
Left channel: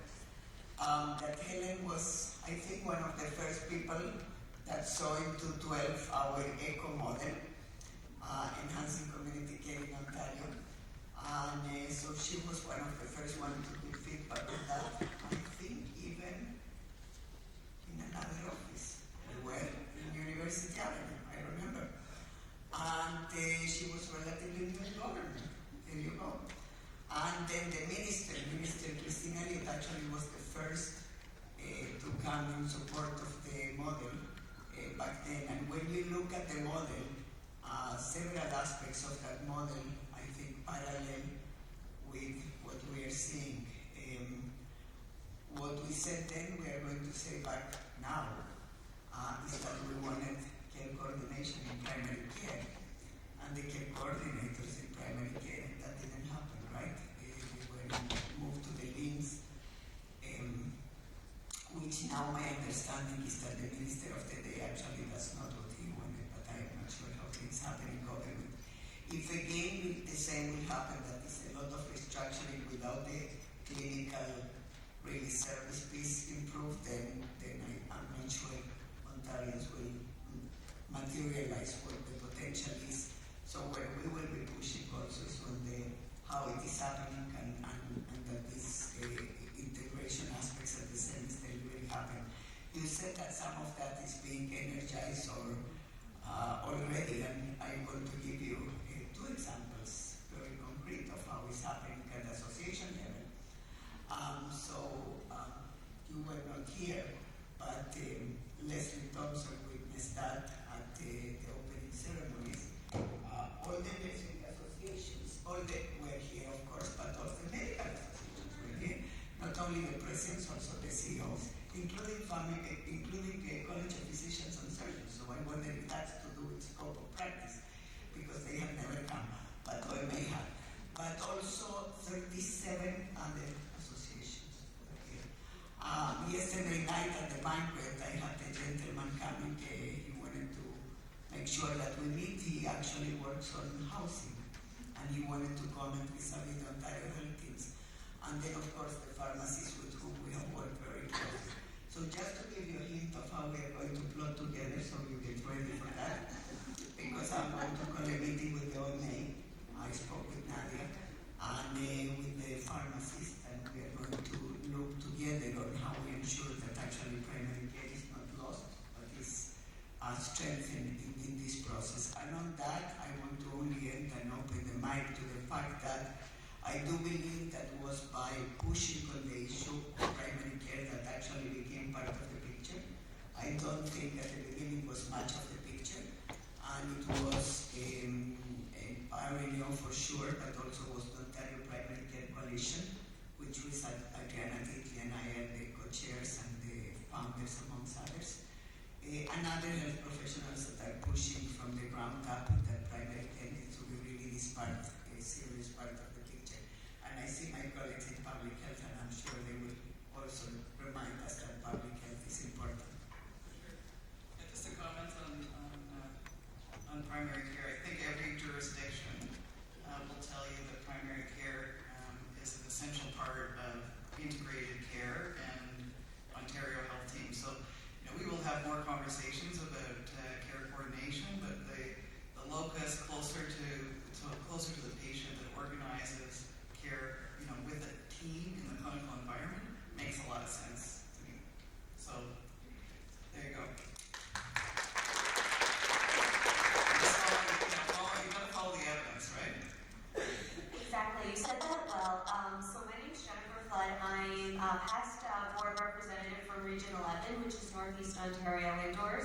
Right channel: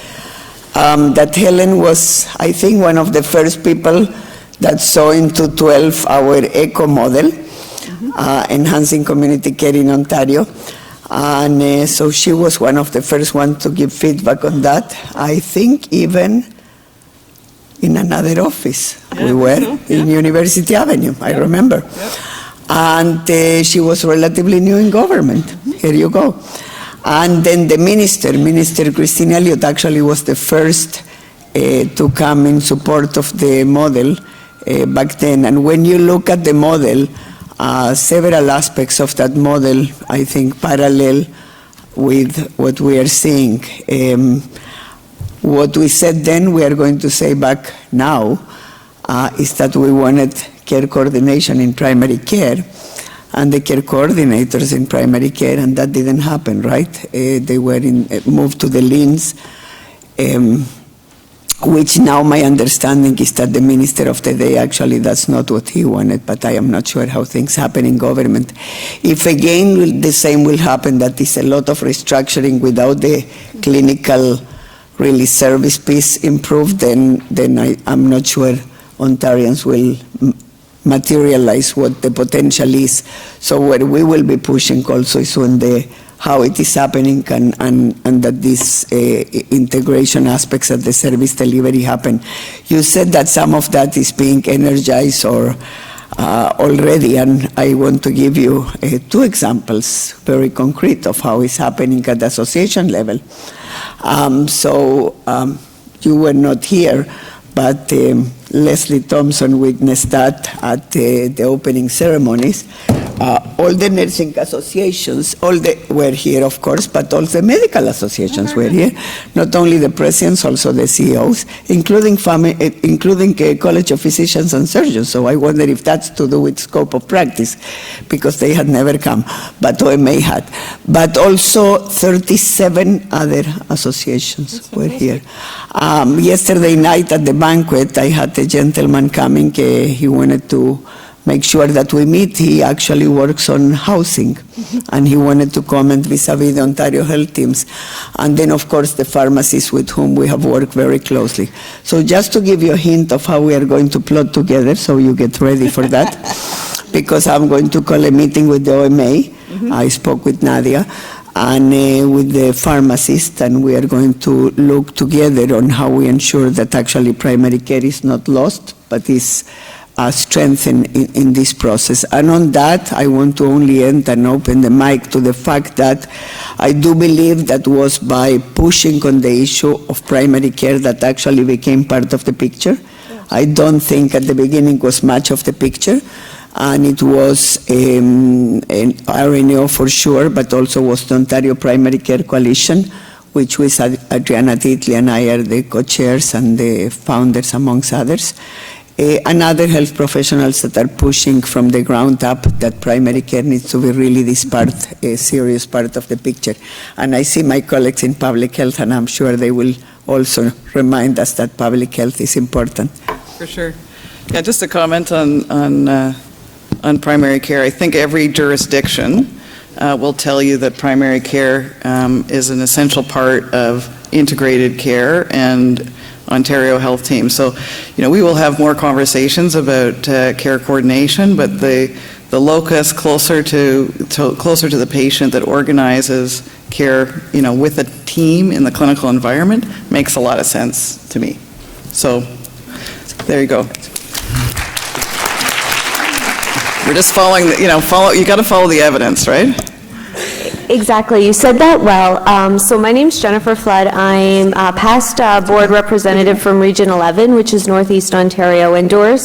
that Helen was, I think, one of the first people that saw into 12 our ECO model, Enhancing Community Care in Ontario. And so she was one of the first ones to give feedback on that. I think even in another office. We were in University Avenue, I remember. Yep. And she was relatively new in government. Here you go. And then the Minister Christine Elliott, actually was the first to come in support of the model back then. And when you look at the model, several aspects of that model, I think, parallel with what we are seeing. What we said then, we are going to say back now, is that we wanted care coordination in primary care and the care coordinators in primary care, and that didn't happen, right? They were moved to the LINs, which now my understanding is that the minister of the day, actually that's not what he wanted, but I am not sure how things happen in government. If again the same will happen, that is a lot of restructuring without the clinical really service piece improved, then I'm not sure Ontarians will materialize what the potential is. So what we will be pushing also is on how it is happening and that these integration aspects of the service delivery happen. You said that some of that is being energized or already, and I want to give you 2 examples, very concrete, of how it's happening at the association level. You were not here, but Leslie Thompson witnessed that at the opening ceremonies. All the nursing associations, were here, of course, but all the medical associations were here. Not only the presidents, also the CEOs, including College of Physicians and Surgeons. So I wonder if that's to do with scope of practice, because they had never come, but OMA had. But also 37 other associations were here. Yesterday night at the banquet, I had a gentleman coming. He wanted to make sure that we meet. He actually works on housing, and he wanted to comment vis-a-vis the Ontario health teams. And then, of course, the pharmacists with whom we have worked very closely. So just to give you a hint of how we are going to plot together, so you get ready for that, because I'm going to call a meeting with the OMA. I spoke with Nadia, and with the pharmacist, and we are going to look together on how we ensure that actually primary care is not lost, but is strengthened in this process. And on that, I want to only end and open the mic to the fact that I do believe that was by pushing on the issue of primary care that actually became part of the picture. I don't think at the beginning was much of the picture, and it was an RNAO for sure, but also was the Ontario Primary Care Coalition, which was Adriana Titley and I are the co-chairs and the founders, amongst others. And other health professionals that are pushing from the ground up that primary care needs to be really this part, a serious part of the picture. And I see my colleagues in public health, and I'm sure they will also remind us that public health is important. For sure. Yeah, just a comment on primary care. I think every jurisdiction will tell you that primary care is an essential part of integrated care and Ontario Health Team. So, we will have more conversations about care coordination, but the locus closer to the patient that organizes care, with a team in the clinical environment makes a lot of sense to me. So, there you go. We're just following, you got to follow the evidence, right? Exactly. You said that well. So my name's Jennifer Flood. I'm a past board representative from Region 11, which is Northeast Ontario. And Doris,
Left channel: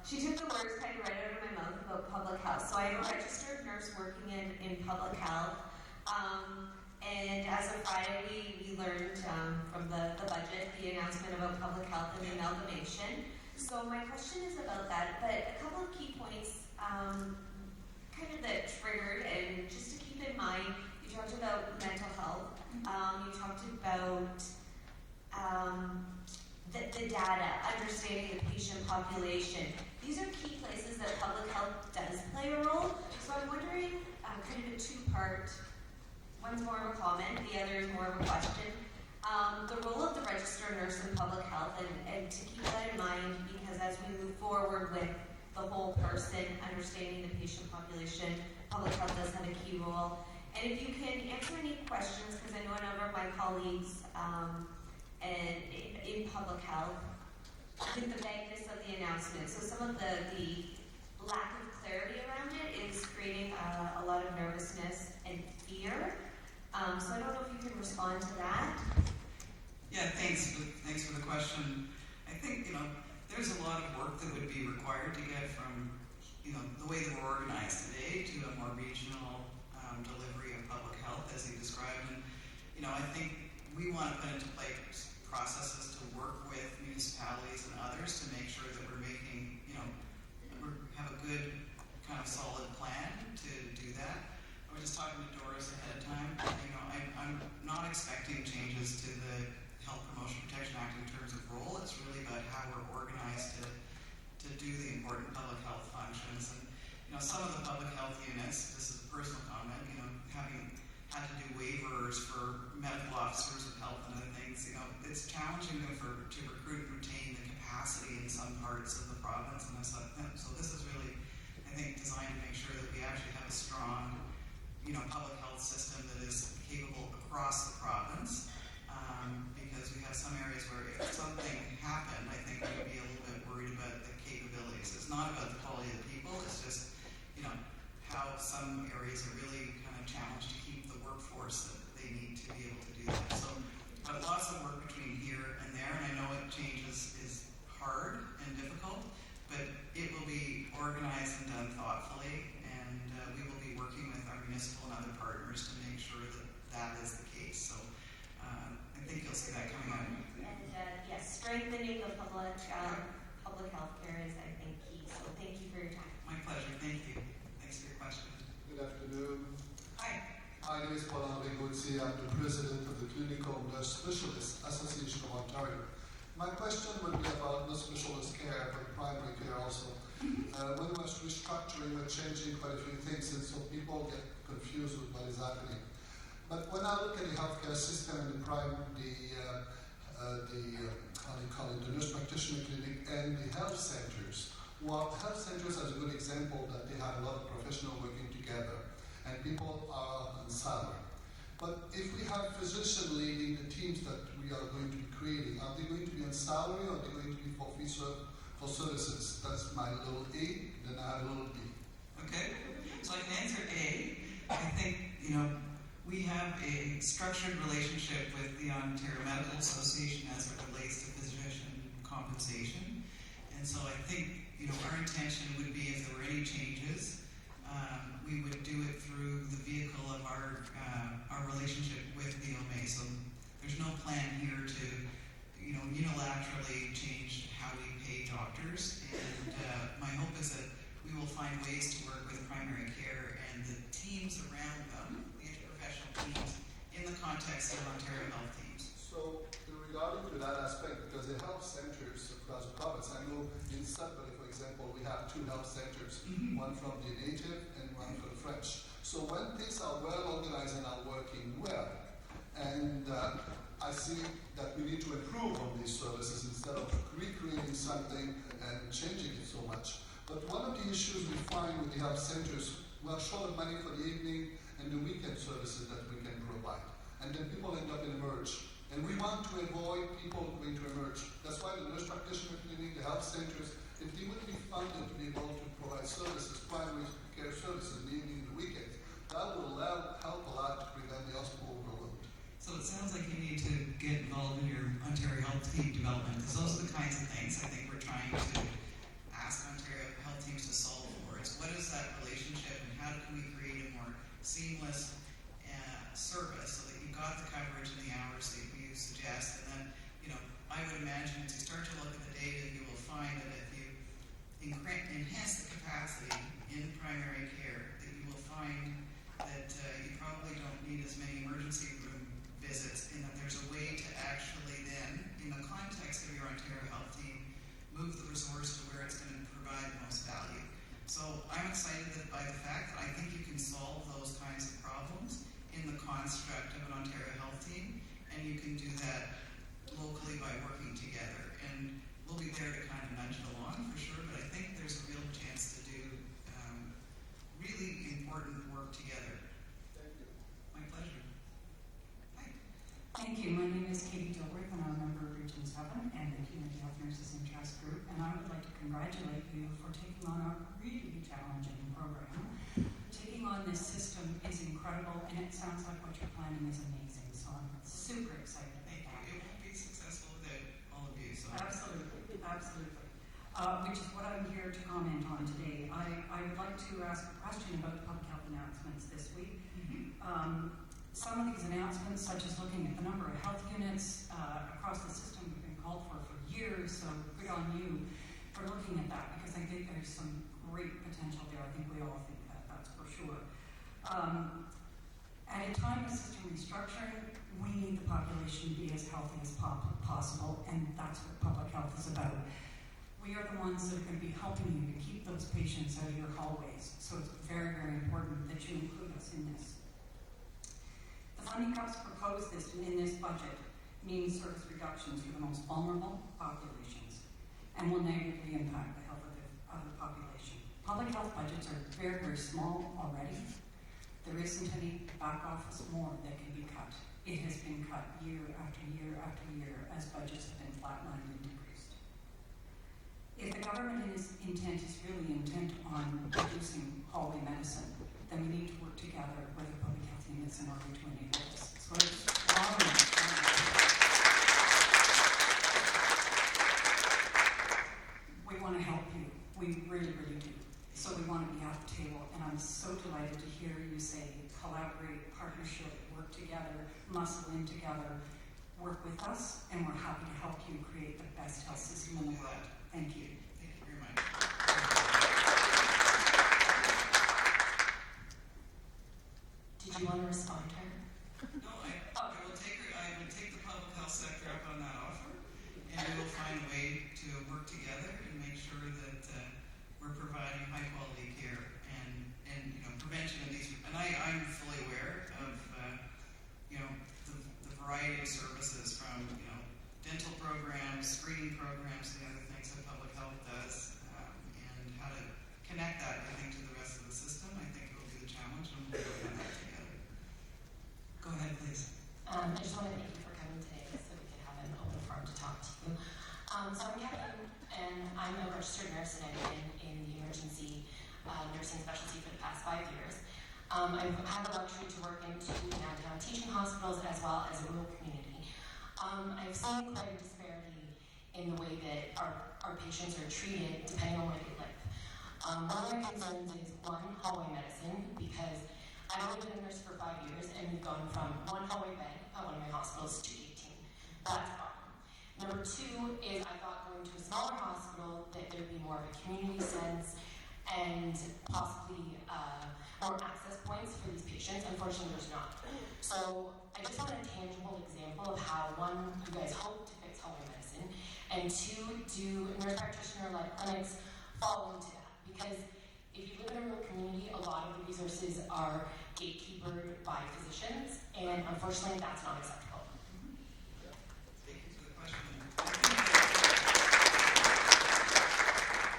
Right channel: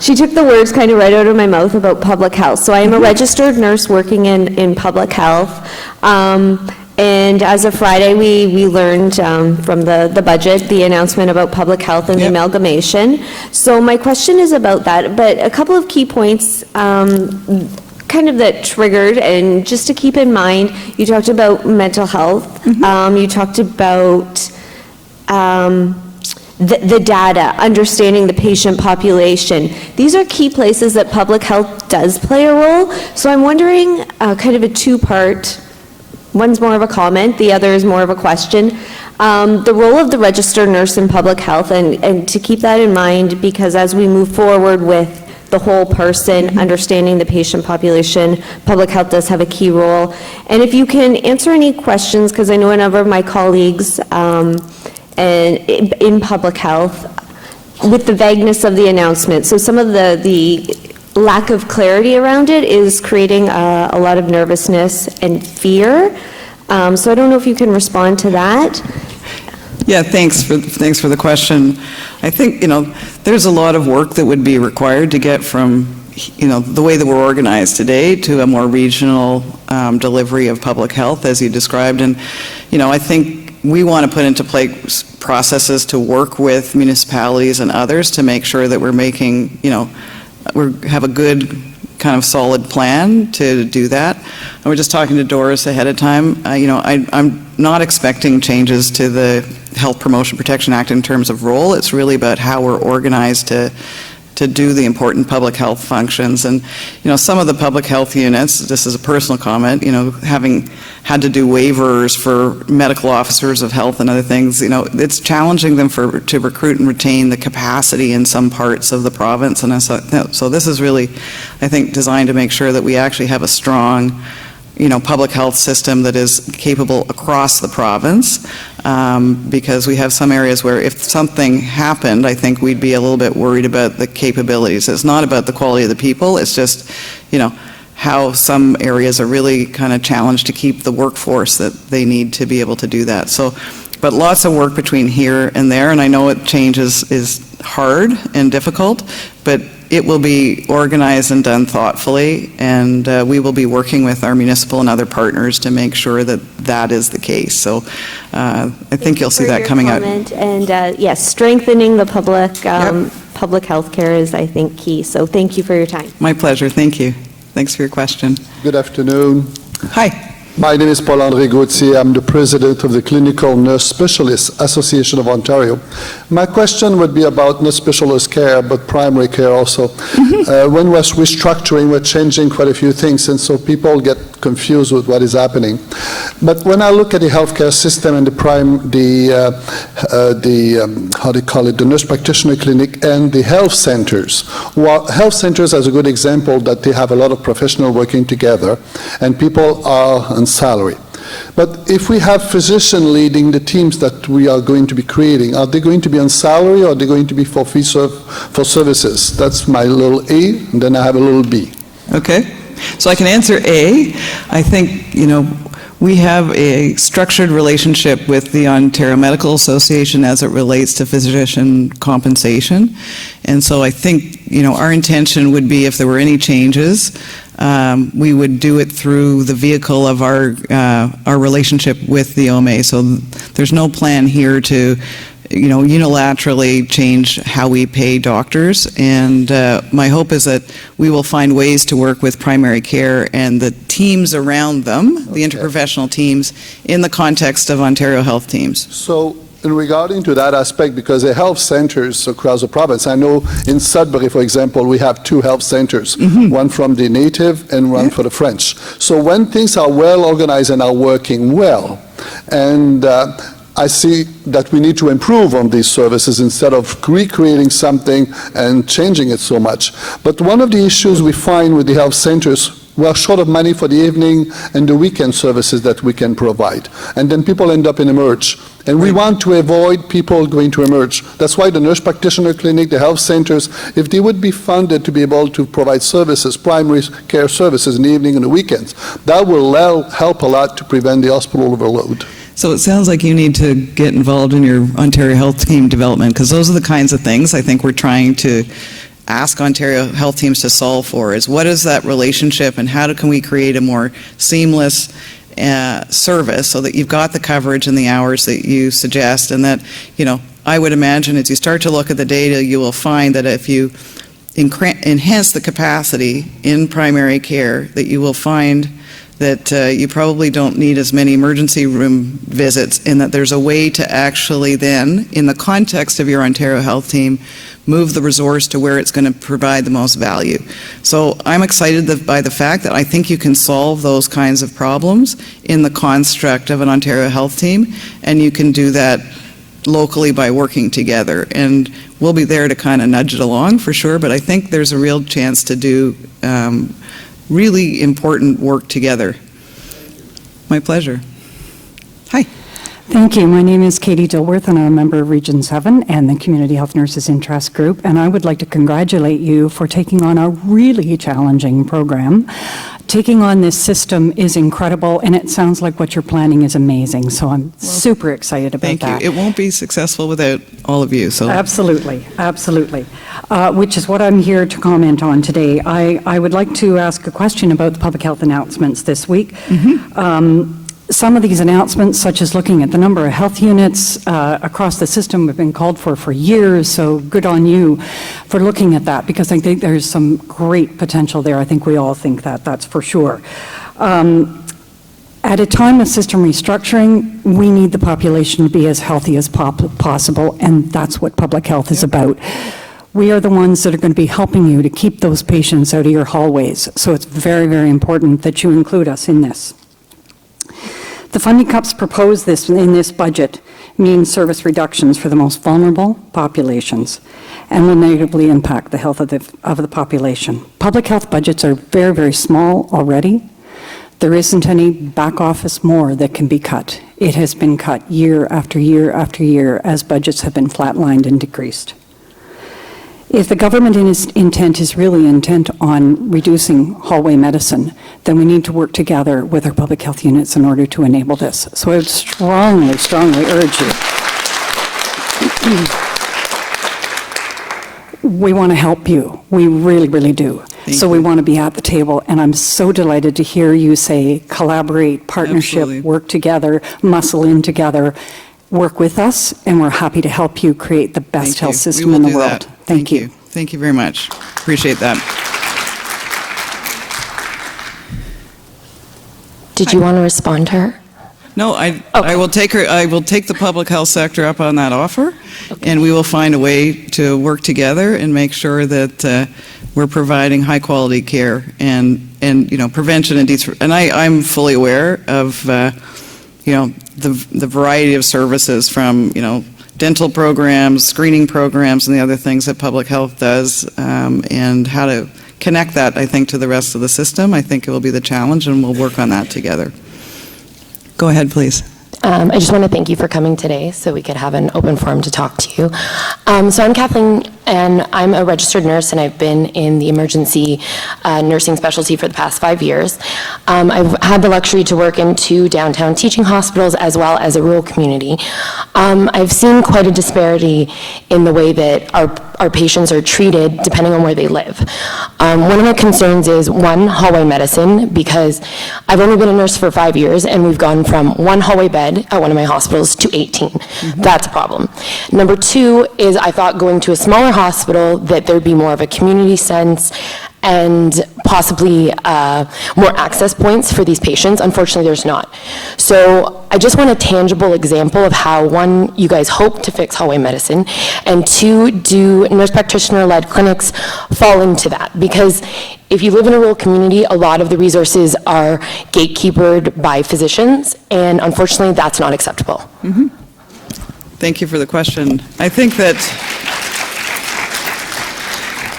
she took the words kind of right out of my mouth about public health. So I am a registered nurse working in public health. And as of Friday, we learned from the budget, the announcement about public health and the amalgamation. So my question is about that, but a couple of key points kind of that triggered, and just to keep in mind, you talked about mental health, you talked about the data, understanding the patient population. These are key places that public health does play a role. So I'm wondering, kind of a two-part, one's more of a comment, the other is more of a question. The role of the registered nurse in public health, and to keep that in mind, because as we move forward with the whole person, understanding the patient population, public health does have a key role. And if you can answer any questions, because I know a number of my colleagues and in public health, with the vagueness of the announcement, so some of the lack of clarity around it is creating a lot of nervousness and fear. So I don't know if you can respond to that. Yeah, thanks for the question. I think, there's a lot of work that would be required to get from, the way that we're organized today to a more regional delivery of public health, as you described. And, I think we want to put into place processes to work with municipalities and others to make sure that we're making, we have a good kind of solid plan to do that. And we're just talking to Doris ahead of time. I'm not expecting changes to the Health Promotion Protection Act in terms of role. It's really about how we're organized to do the important public health functions. And, some of the public health units, this is a personal comment, having had to do waivers for medical officers of health and other things, it's challenging them to recruit and retain the capacity in some parts of the province. And so this is really, I think, designed to make sure that we actually have a strong public health system that is capable across the province, because we have some areas where if something happened, I think we'd be a little bit worried about the capabilities. It's not about the quality of the people, it's just, how some areas are really kind of challenged to keep the workforce that they need to be able to do that. So, but lots of work between here and there, and I know change is hard and difficult, but it will be organized and done thoughtfully, and we will be working with our municipal and other partners to make sure that that is the case. So I think you'll see that coming out. And yes, strengthening the public health care is, I think, key. So thank you for your time. My pleasure. Thank you. Thanks for your question. Good afternoon. Hi. My name is Paul-André Gauthier. I'm the president of the Clinical Nurse Specialists Association of Ontario. My question would be about not specialist care, but primary care also. When we're restructuring, we're changing quite a few things, and so people get confused with what is happening. But when I look at the healthcare system and the nurse practitioner clinic and the health centers, well, health centers is a good example that they have a lot of professionals working together, and people are on salary. But if we have physicians leading the teams that we are going to be creating, are they going to be on salary or are they going to be for for services? That's my little A, and then I have a little B. Okay. So I can answer A. I think, we have a structured relationship with the Ontario Medical Association as it relates to physician compensation. And so I think, our intention would be if there were any changes, we would do it through the vehicle of our relationship with the OMA. So there's no plan here to, unilaterally change how we pay doctors. And my hope is that we will find ways to work with primary care and the teams around them, the interprofessional teams, in the context of Ontario Health Teams. So in regarding to that aspect, because the health centers across the province, I know in Sudbury, for example, we have 2 health centers, one from the native and one for the French. So when things are well organized and are working well, and I see that we need to improve on these services instead of recreating something and changing it so much. But one of the issues we find with the health centers, we are short of money for the evening and the weekend services that we can provide. And then people end up in emerge. And we want to avoid people going to emerge. That's why the nurse practitioner clinic, the health centers, if they would be funded to be able to provide services, primary care services in the evening and the weekends, that will help a lot to prevent the hospital overload. So it sounds like you need to get involved in your Ontario Health Team development, because those are the kinds of things I think we're trying to ask Ontario health teams to solve for, is what is that relationship and how can we create a more seamless service so that you've got the coverage and the hours that you suggest, and that, you know, I would imagine as you start to look at the data, you will find that if you enhance the capacity in primary care, that you will find that you probably don't need as many emergency room visits, and that there's a way to actually then, in the context of your Ontario Health Team, move the resource to where it's going to provide the most value. So I'm excited by the fact that I think you can solve those kinds of problems in the construct of an Ontario Health Team, and you can do that locally by working together. And we'll be there to kind of nudge it along for sure, but I think there's a real chance to do really important work together. My pleasure. Hi. Thank you. My name is Katie Dilworth, and I'm a member of Region 7 and the Community Health Nurses Interest Group, and I would like to congratulate you for taking on a really challenging program. Taking on this system is incredible, and it sounds like what you're planning is amazing, so I'm super excited about that. Thank you. It won't be successful without all of you. So Absolutely, absolutely. Which is what I'm here to comment on today. I would like to ask a question about the public health announcements this week. Some of these announcements, such as looking at the number of health units across the system, have been called for years, so good on you for looking at that, because I think there's some great potential there. I think we all think that, that's for sure. At a time of system restructuring, we need the population to be as healthy as possible, and that's what public health is about. We are the ones that are going to be helping you to keep those patients out of your hallways, so it's very, very important that you include us in this. The funding cuts proposed in this budget mean service reductions for the most vulnerable populations and will negatively impact the health of the population. Public health budgets are very, very small already. There isn't any back office more that can be cut. It has been cut year after year after year as budgets have been flatlined and decreased. If the government intent is really intent on reducing hallway medicine, then we need to work together with our public health units in order to enable this. So I would strongly, strongly urge you. We want to help you. We really, really do. So we want to be at the table, and I'm so delighted to hear you say collaborate, partnership, Absolutely. Work together, muscle in together. Work with us, and we're happy to help you create the best health system in the world. Thank you. Thank you very much. Appreciate that. Did you want to respond to her? No, I will take her. I will take the public health sector up on that offer, and we will find a way to work together and make sure that we're providing high quality care and you know, prevention and I'm fully aware of you know, the variety of services, from, you know, dental programs, screening programs, and the other things that public health does, and how to connect that, I think, to the rest of the system. I think it will be the challenge, and we'll work on that together. Go ahead, please. I just want to thank you for coming today so we could have an open forum to talk to you. So I'm Kathleen, and I'm a registered nurse, and I've been in the emergency nursing specialty for the past 5 years. I've had the luxury to work in 2 downtown teaching hospitals as well as a rural community. I've seen quite a disparity in the way that our patients are treated depending on where they live. One of my concerns is, one, hallway medicine, because I've only been a nurse for 5 years, and we've gone from 1 hallway bed at one of my hospitals to 18. That's a problem. Number 2 is, I thought going to a smaller hospital that there'd be more of a community sense and possibly more access points for these patients. Unfortunately, there's not. So I just want a tangible example of how, one, you guys hope to fix hallway medicine, and two, do nurse practitioner-led clinics fall into that? Because if you live in a rural community, a lot of the resources are gatekeepered by physicians, and unfortunately, that's not acceptable. Mm-hmm. Thank you for the question. I think that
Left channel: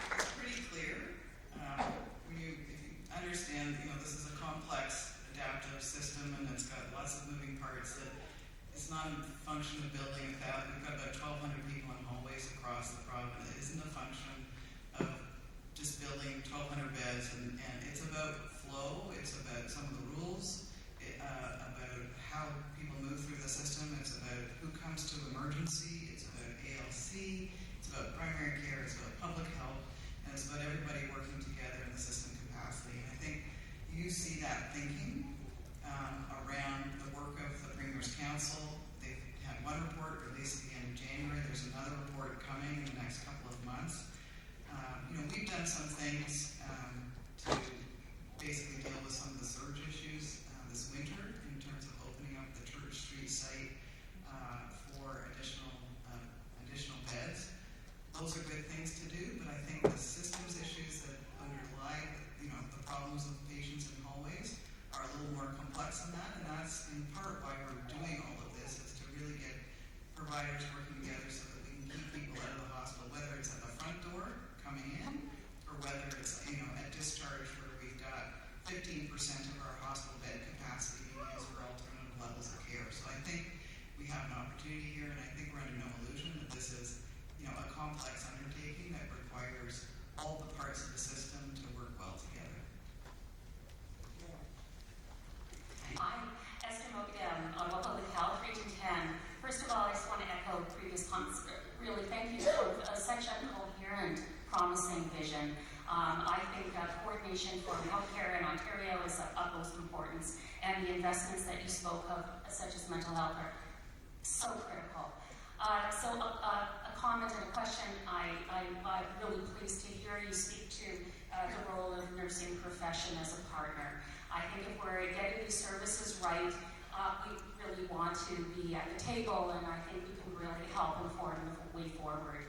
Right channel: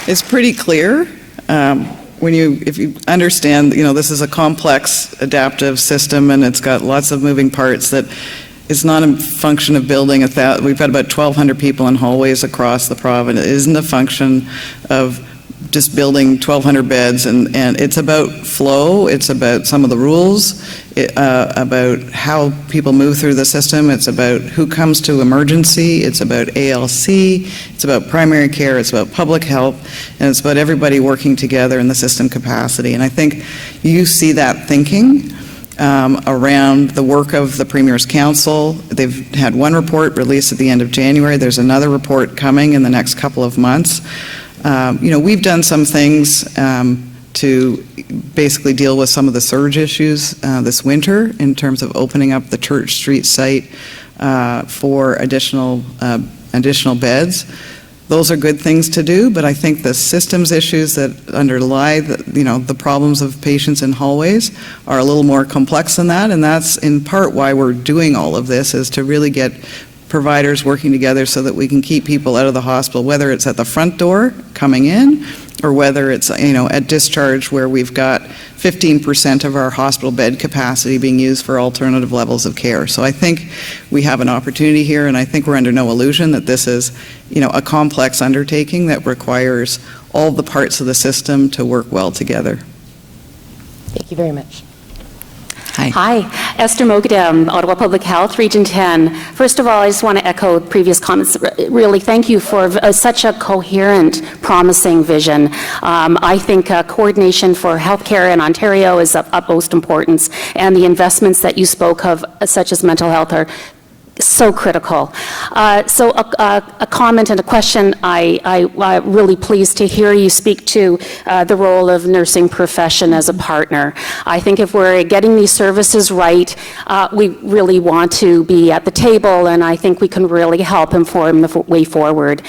it's pretty clear if you understand, this is a complex adaptive system and it's got lots of moving parts, that it's not a function of building we've got about 1,200 people in hallways across the province. It isn't a function of just building 1,200 beds, and it's about flow, it's about some of the rules, about how people move through the system, it's about who comes to emergency, it's about ALC, it's about primary care, it's about public health, and it's about everybody working together in the system capacity. And I think you see that thinking around the work of the Premier's Council. They've had one report released at the end of January. There's another report coming in the next couple of months. We've done some things to basically deal with some of the surge issues this winter in terms of opening up the Church Street site for additional beds. Those are good things to do, but I think the systems issues that underlie the problems of patients in hallways are a little more complex than that, and that's in part why we're doing all of this, is to really get providers working together so that we can keep people out of the hospital, whether it's at the front door coming in or whether it's at discharge, where we've got 15% of our hospital bed capacity being used for alternative levels of care. So I think we have an opportunity here, and I think we're under no illusion that this is a complex undertaking that requires all the parts of the system to work well together. Thank you very much. Hi, Esther Mogadam, Ottawa Public Health, Region 10. First of all, I just want to echo previous comments. Really, thank you for such a coherent, promising vision. I think coordination for healthcare in Ontario is of utmost importance, and the investments that you spoke of, such as mental health, are so critical. So a comment and a question. I'm really pleased to hear you speak to the role of nursing profession as a partner. I think if we're getting these services right, we really want to be at the table, and I think we can really help inform the way forward.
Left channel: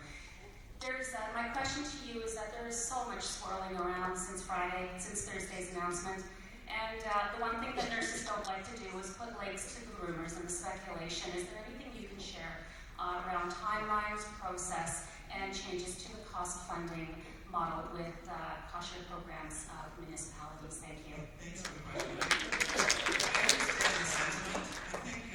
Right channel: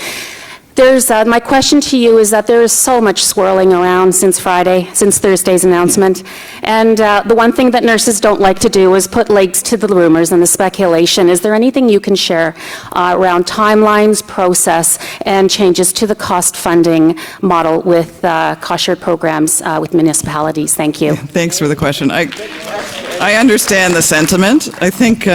My question to you is that there is so much swirling around since Thursday's announcement. And the one thing that nurses don't like to do is put legs to the rumors and the speculation. Is there anything you can share around timelines, process, and changes to the cost funding model with cost-shared programs with municipalities? Thank you. Thanks for the question. I understand the sentiment. I think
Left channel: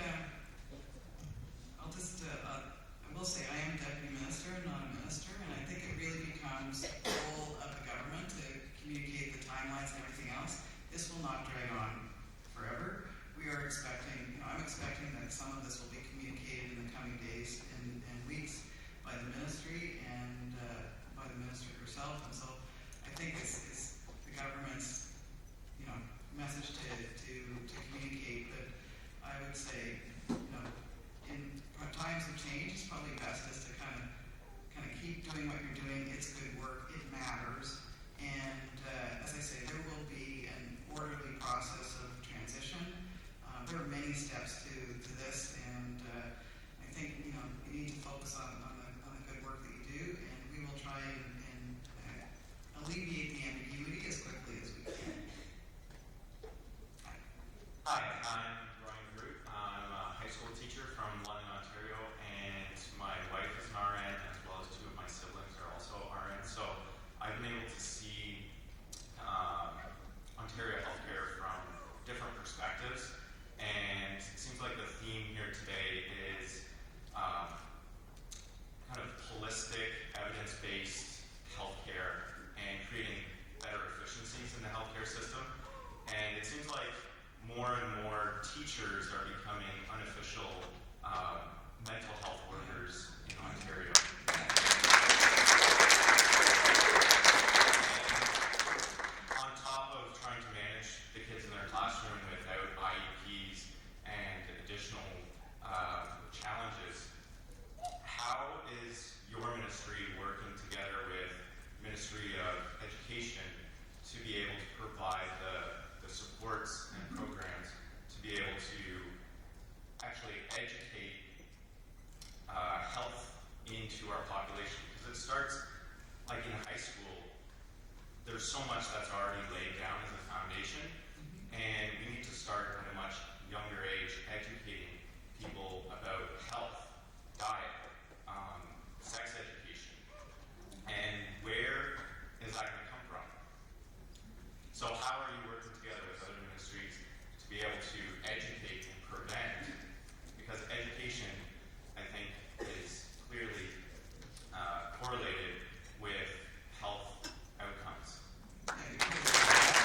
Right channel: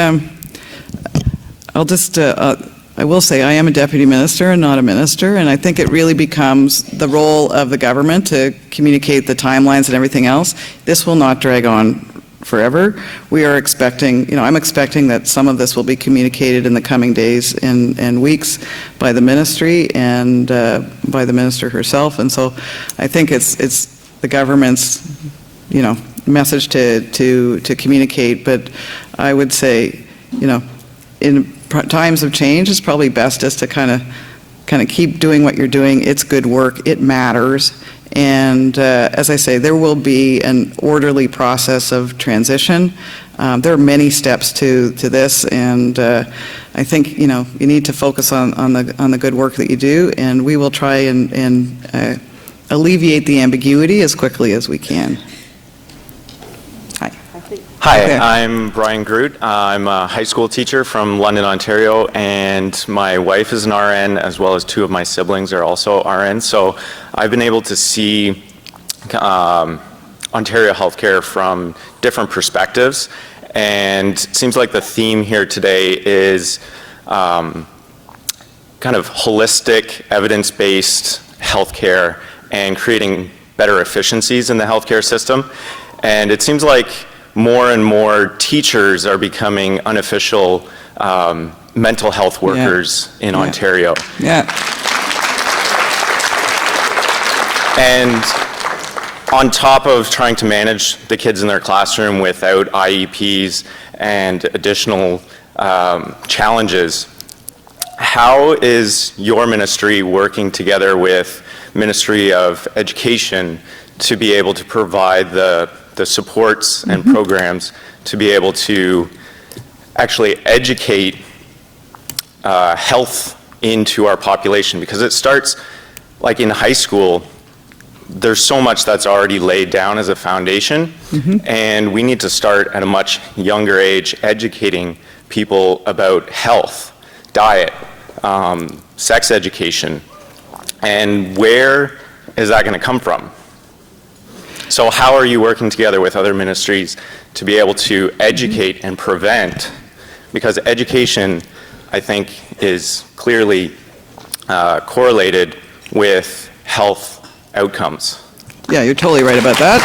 I will say I am a deputy minister and not a minister, and I think it really becomes the role of the government to communicate the timelines and everything else. This will not drag on forever. We are expecting, I'm expecting that some of this will be communicated in the coming days and weeks by the ministry and by the minister herself. And so I think it's the government's, message to communicate. But I would say, in times of change, it's probably best just to kind of keep doing what you're doing. It's good work. It matters. And as I say, there will be an orderly process of transition. There are many steps to this, and I think you need to focus on the good work that you do, and we will try and alleviate the ambiguity as quickly as we can. Hi, Okay. I'm Brian Groot. I'm a high school teacher from London, Ontario, and my wife is an RN, as well as two of my siblings are also RNs. So I've been able to see Ontario healthcare from different perspectives, and it seems like the theme here today is kind of holistic, evidence-based healthcare and creating better efficiencies in the healthcare system. And it seems like more and more teachers are becoming unofficial mental health workers in Ontario. Yeah. And on top of trying to manage the kids in their classroom without IEPs and additional challenges, how is your ministry working together with Ministry of Education to be able to provide the supports and programs to be able to actually educate health into our population? Because it starts, like in high school, there's so much that's already laid down as a foundation, and we need to start at a much younger age educating people about health, diet, sex education, and where is that going to come from? So how are you working together with other ministries to be able to educate and prevent? Because education, I think, is clearly correlated with health outcomes. Yeah, you're totally right about that.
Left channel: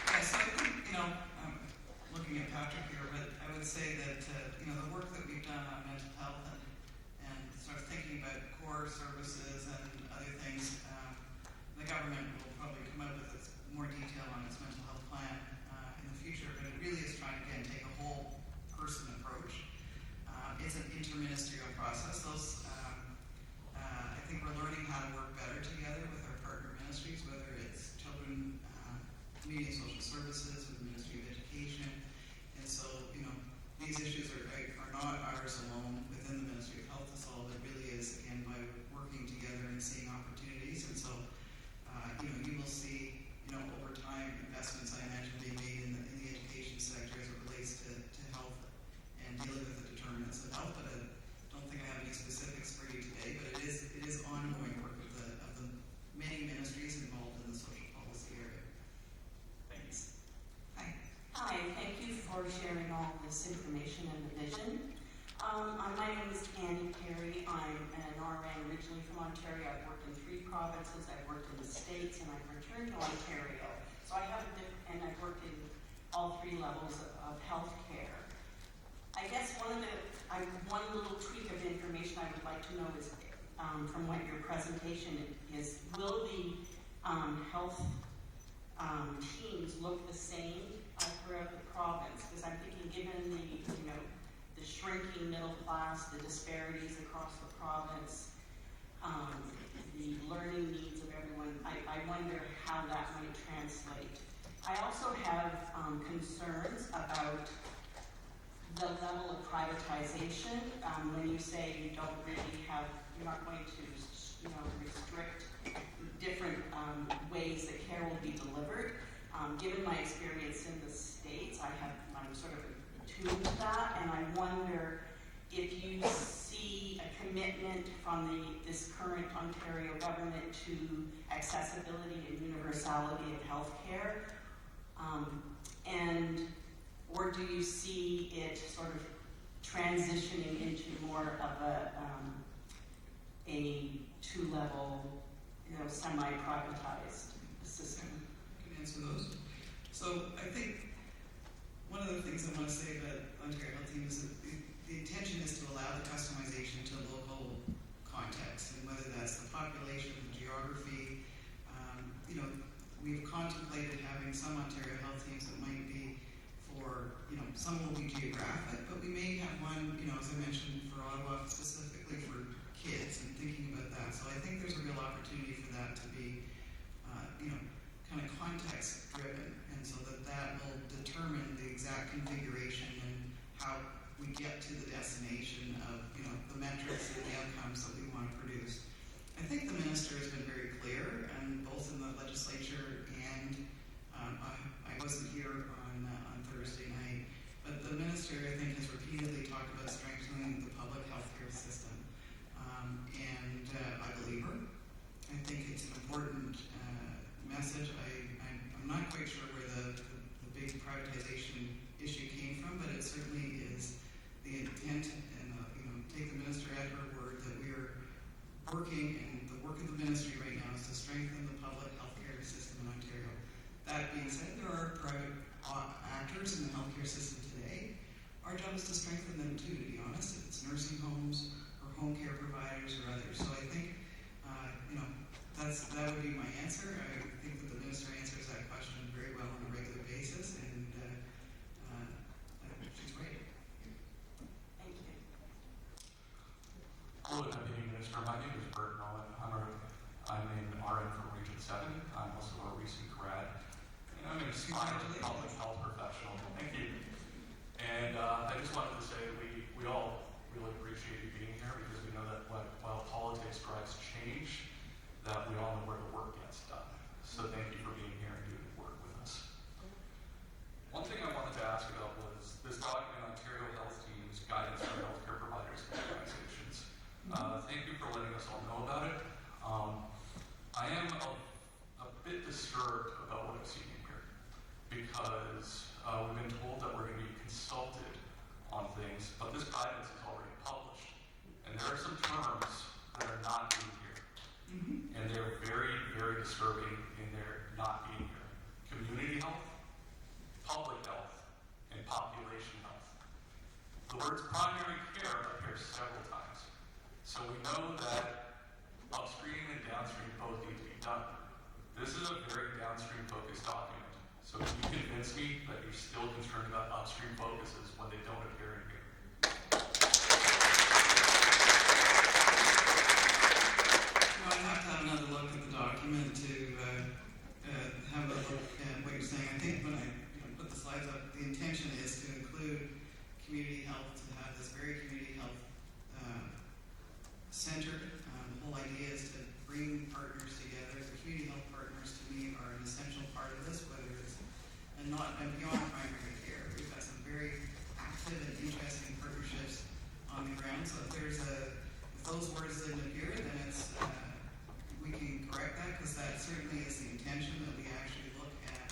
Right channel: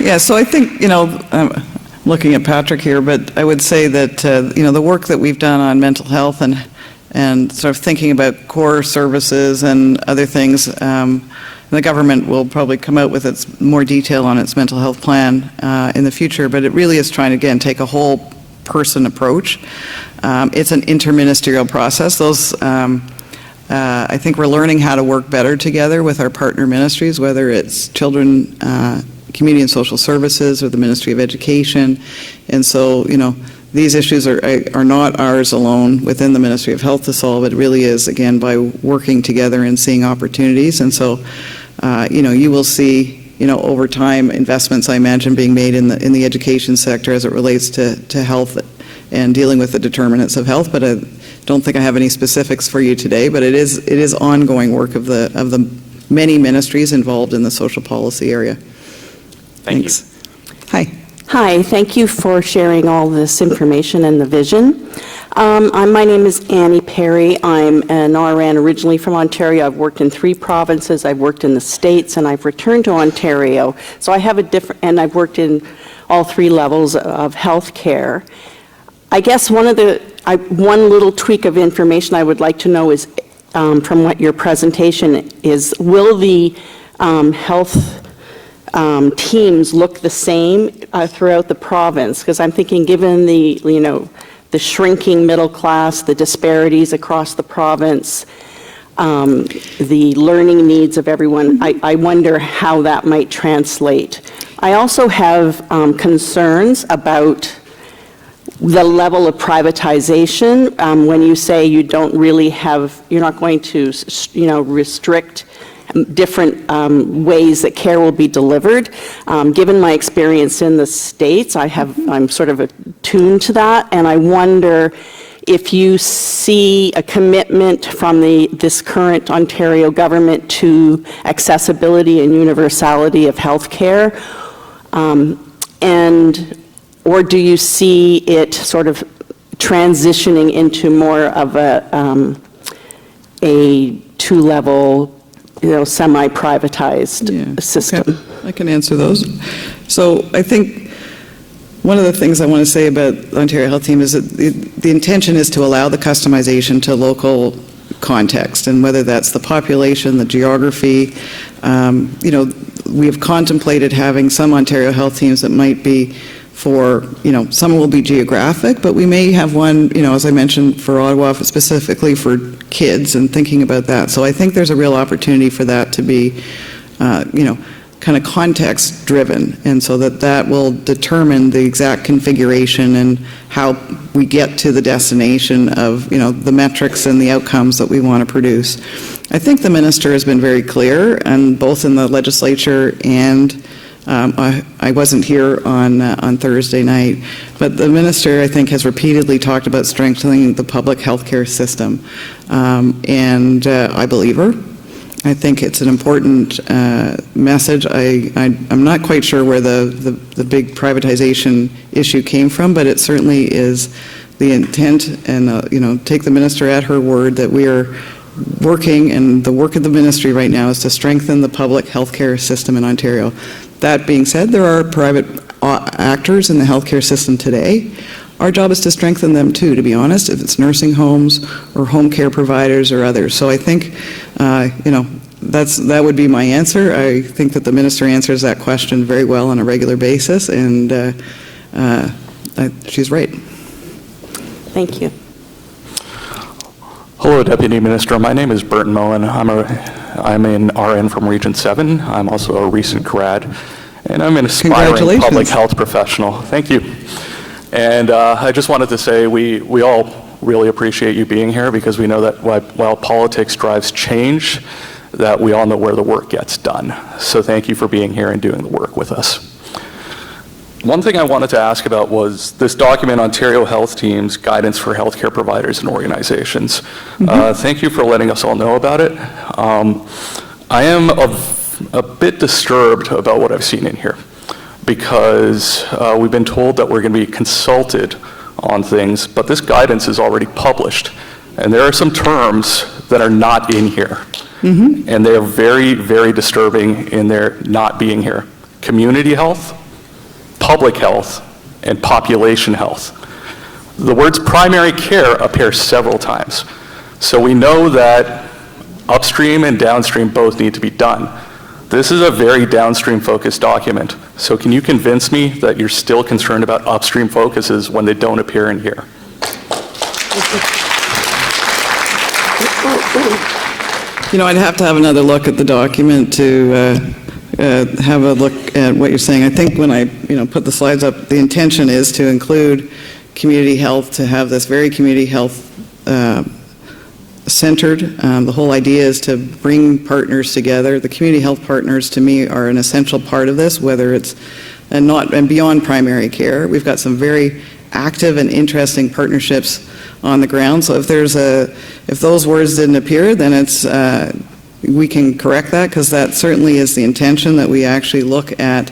Yeah, so I think, I'm looking at Patrick here, but I would say that, the work that we've done on mental health and sort of thinking about core services and other things, the government will probably come out with its more detail on its mental health plan in the future, but it really is trying to, again, take a whole person approach. It's an interministerial process. I think we're learning how to work better together with our partner ministries, whether it's Children, Community and Social Services or the Ministry of Education. And so, these issues are not ours alone within the Ministry of Health to solve. It really is, again, by working together and seeing opportunities. And so, you will see, over time, investments, I imagine, being made in the education sector as it relates to health and dealing with the determinants of health. But I don't think I have any specifics for you today. But it is ongoing work of the many ministries involved in the social policy area. Thanks. Hi. Hi, thank you for sharing all this information and the vision. My name is Annie Perry. I'm an RN originally from Ontario. I've worked in 3 provinces. I've worked in the States, and I've returned to Ontario. So I have and I've worked in all 3 levels of health care. I guess one little tweak of information I would like to know is, from what your presentation is, will the health teams look the same throughout the province? Because I'm thinking, given the shrinking middle class, the disparities across the province, the learning needs of everyone, I wonder how that might translate. I also have concerns about the level of privatization. When you say you don't really you're not going to, restrict different ways that care will be delivered. Given my experience in the States, I'm sort of attuned to that, and I wonder if you see a commitment from this current Ontario government to accessibility and universality of health care, or do you see it sort of transitioning into more of a 2-level, semi-privatized system? Okay. I can answer those. So I think one of the things I want to say about the Ontario Health Team is that the intention is to allow the customization to local context, and whether that's the population, the geography. We have contemplated having some Ontario Health Teams that might be for, some will be geographic, but we may have one, as I mentioned, for Ottawa, specifically for kids, and thinking about that. So I think there's a real opportunity for that to be, kind of context driven, and so that will determine the exact configuration and how we get to the destination of, the metrics and the outcomes that we want to produce. I think the minister has been very clear, and both in the legislature and I wasn't here on Thursday night, but the minister, I think, has repeatedly talked about strengthening the public health care system, and I believe her. I think it's an important message. I'm not quite sure where the big privatization issue came from, but it certainly is the intent, and take the minister at her word that we are working, and the work of the ministry right now is to strengthen the public health care system in Ontario. That being said, there are private actors in the healthcare system today. Our job is to strengthen them too, to be honest, if it's nursing homes or home care providers or others. So I think, that would be my answer. I think that the minister answers that question very well on a regular basis, and she's right. Thank you. Hello, Deputy Minister. My name is Burton Moen. I'm an RN from Region 7. I'm also a recent grad, and I'm an aspiring public health professional. Thank you. And I just wanted to say we all really appreciate you being here, because we know that while politics drives change, that we all know where the work gets done. So thank you for being here and doing the work with us. One thing I wanted to ask about was this document, Ontario Health Teams, Guidance for Healthcare Providers and Organizations. Thank you for letting us all know about it. I am a bit disturbed about what I've seen in here, because we've been told that we're going to be consulted on things, but this guidance is already published, and there are some terms that are not in here, and they are very, very disturbing in their not being here. Community health, public health, and population health. The words primary care appear several times. So we know that upstream and downstream both need to be done. This is a very downstream focused document. So can you convince me that you're still concerned about upstream focuses when they don't appear in here? You know, I'd have to have another look at the document to have a look at what you're saying. I think when I put the slides up, the intention is to include community health, to have this very community health centered. The whole idea is to bring partners together. The community health partners, to me, are an essential part of this, whether it's and beyond primary care. We've got some very active and interesting partnerships on the ground. So if those words didn't appear, then it's we can correct that, because that certainly is the intention, that we actually look at,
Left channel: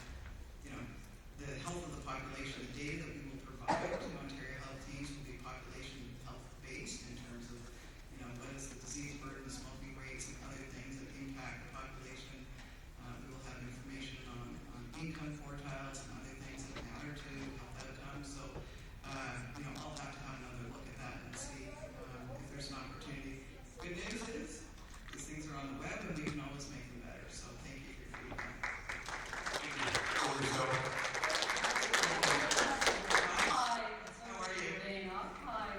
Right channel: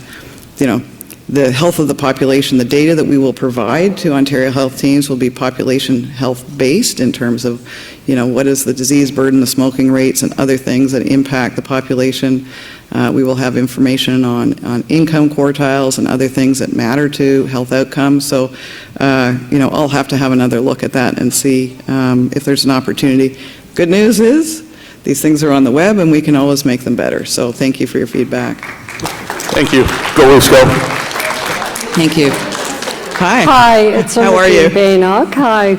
the health of the population. The data that we will provide to Ontario Health Teams will be population health based in terms of, what is the disease burden, the smoking rates, and other things that impact the population. We will have information on income quartiles and other things that matter to health outcomes. So, I'll have to have another look at that and see if there's an opportunity. Good news is, these things are on the web, and we can always make them better. So thank you for your feedback. Thank you. Go Wolves, go. Thank you. Hi. Hi, it's How are you? Baynock. Hi,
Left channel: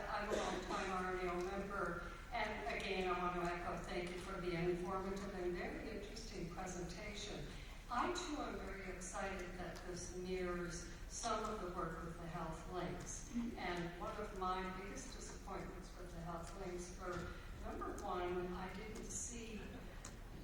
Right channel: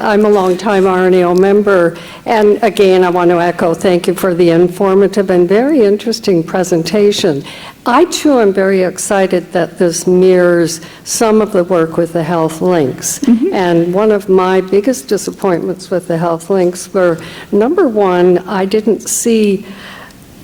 I'm a longtime RNAO member, and again, I want to echo thank you for the informative and very interesting presentation. I too am very excited that this mirrors some of the work with the health links. And one of my biggest disappointments with the health links were, number one, I didn't see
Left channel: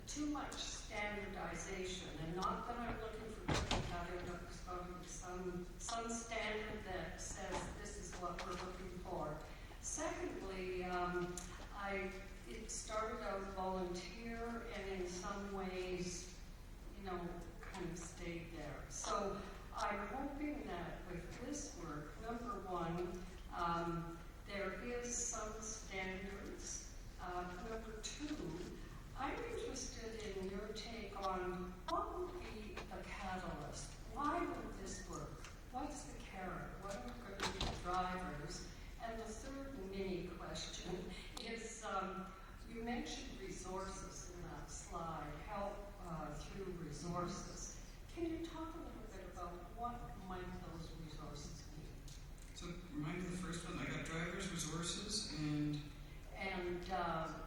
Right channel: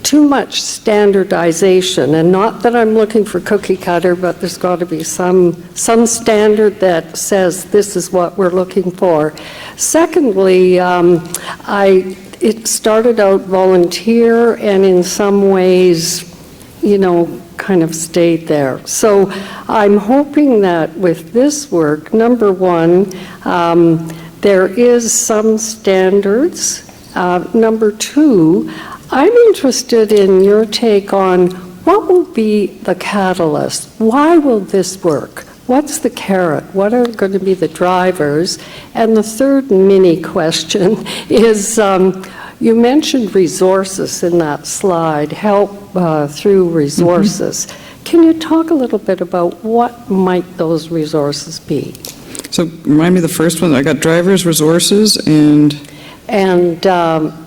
too much standardization, and not that I'm looking for cookie cutter, but there's got to be some standard that says this is what we're looking for. Secondly, it started out volunteer, and in some ways, kind of stayed there. So I'm hoping that with this work, number one, there is some standards. Number two, I'm interested in your take on what will be the catalyst. Why will this work? What's the carrot? What are going to be the drivers? And the third mini question is, you mentioned resources in that slide, help through resources. Can you talk a little bit about what might those resources be? So remind me the first one. I got drivers, resources, and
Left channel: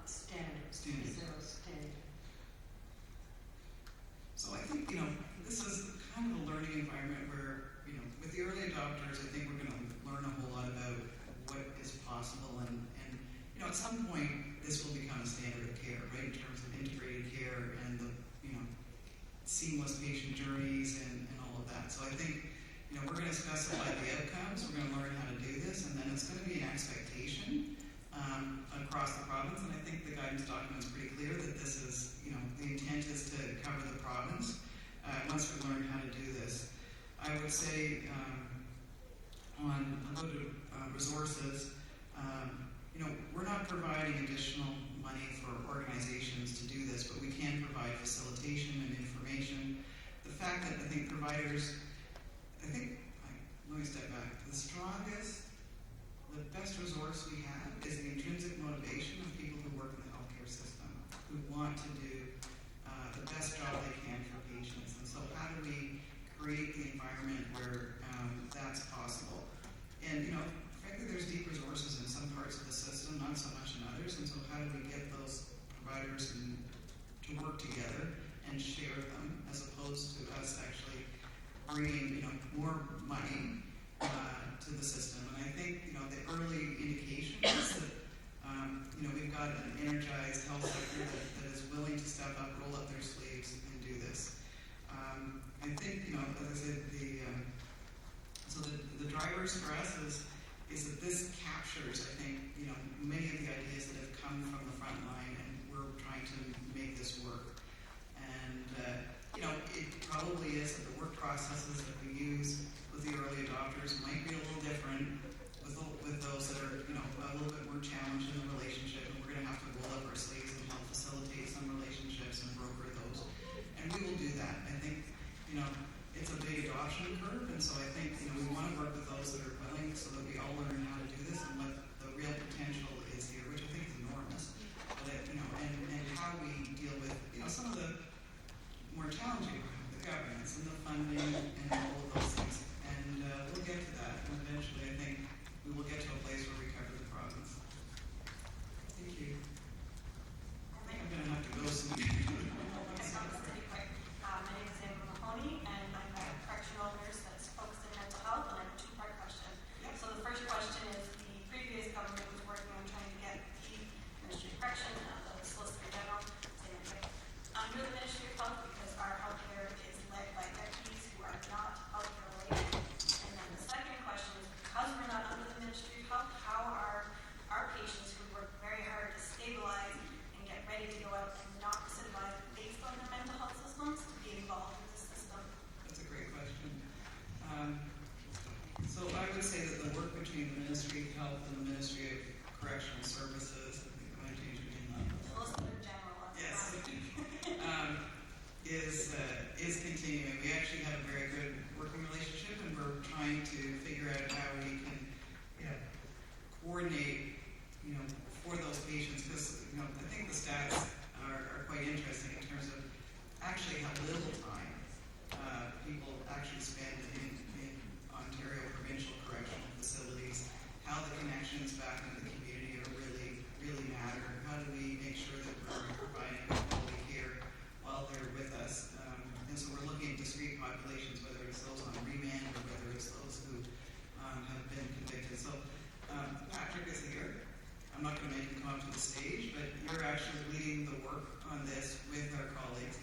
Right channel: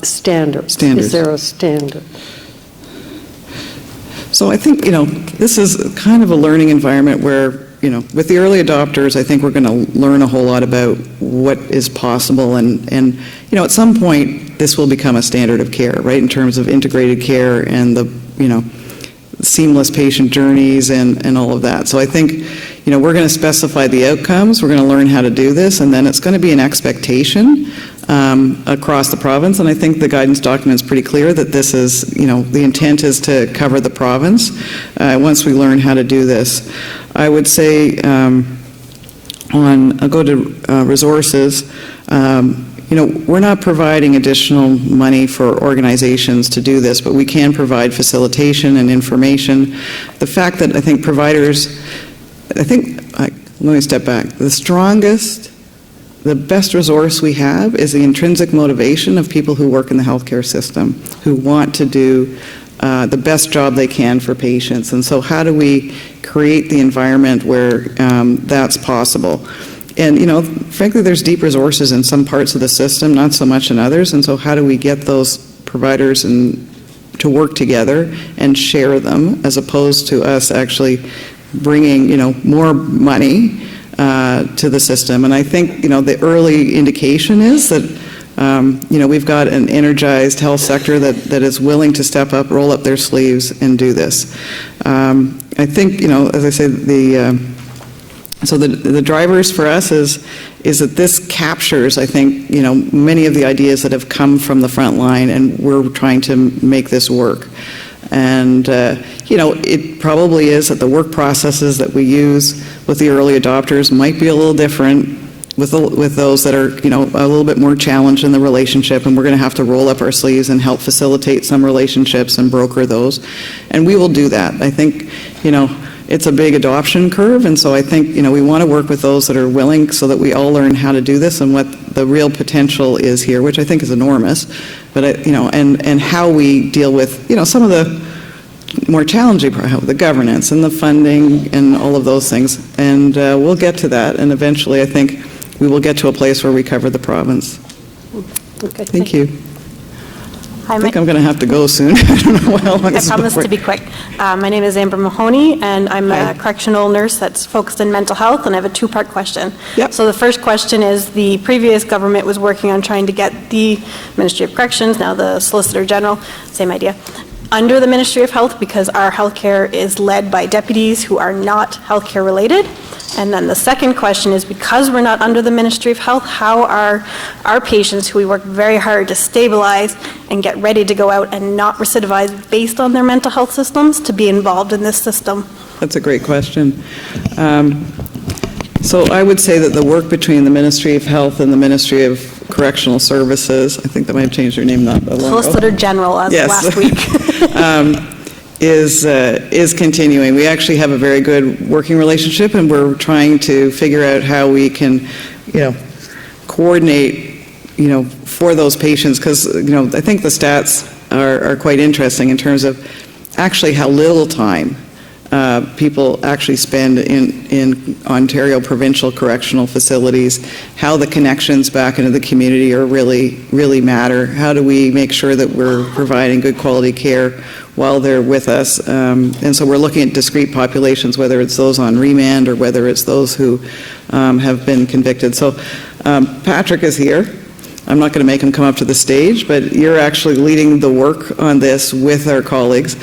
standards. Is there a standard? So I think, this is kind of a learning environment where, with the early adopters, I think we're going to learn a whole lot about what is possible. And at some point, this will become a standard of care, right, in terms of integrated care and the, seamless patient journeys and all of that. So I think, we're going to specify the outcomes. We're going to learn how to do this, and then it's going to be an expectation across the province. And I think the guidance document is pretty clear that this is, the intent is to cover the province once we learn how to do this. I would say I'll go to resources. We're not providing additional money for organizations to do this, but we can provide facilitation and information. The fact that I think providers, let me step back. The best resource we have is the intrinsic motivation of people who work in the healthcare system, who want to do the best job they can for patients. And so how do we create the environment where that's possible? And, frankly, there's deep resources in some parts of the system, not so much in others. And so how do we get those providers to work together and share them, as opposed to us actually bringing, more money to the system? And I think, the early indication is that, we've got an energized health sector that is willing to step up, roll up their sleeves, and do this. I think, as I say, the drivers for us is that this captures, I think, many of the ideas that have come from the front line, and we're trying to make this work. And, it probably is that the work processes that we use with the early adopters might be a little different with those that are, a little bit more challenged in the relationship, and we're going to have to roll up our sleeves and help facilitate some relationships and broker those. And we will do that. I think, it's a big adoption curve, and so I think, we want to work with those that are willing so that we all learn how to do this and what the real potential is here, which I think is enormous, but, and how we deal with, some of the more challenging, the governance and the funding and all of those things. And we'll get to that, and eventually I think we will get to a place where we cover the province. Okay, Thank you. Hi, I think I'm going to have to go soon. I don't know how long I promise to be quick. My name is Amber Mahoney, and I'm a correctional nurse that's focused in mental health, and I have a two-part question. Yep. So the first question is, the previous government was working on trying to get the Ministry of Corrections, now the Solicitor General, same idea, under the Ministry of Health, because our healthcare is led by deputies who are not healthcare related. And then the second question is, because we're not under the Ministry of Health, how are our patients, who we work very hard to stabilize and get ready to go out and not recidivize based on their mental health systems, to be involved in this system? That's a great question. So I would say that the work between the Ministry of Health and the Ministry of Correctional Services, I think that might have changed their name not that long ago. Solicitor General as of last week. Is continuing. We actually have a very good working relationship, and we're trying to figure out how we can, coordinate, for those patients, because, I think the stats are quite interesting in terms of actually how little time people actually spend in Ontario provincial correctional facilities, how the connections back into the community are really matter. How do we make sure that we're providing good quality care while they're with us? And so we're looking at discrete populations, whether it's those on remand or whether it's those who have been convicted. So Patrick is here. I'm not going to make him come up to the stage, but you're actually leading the work on this with our colleagues.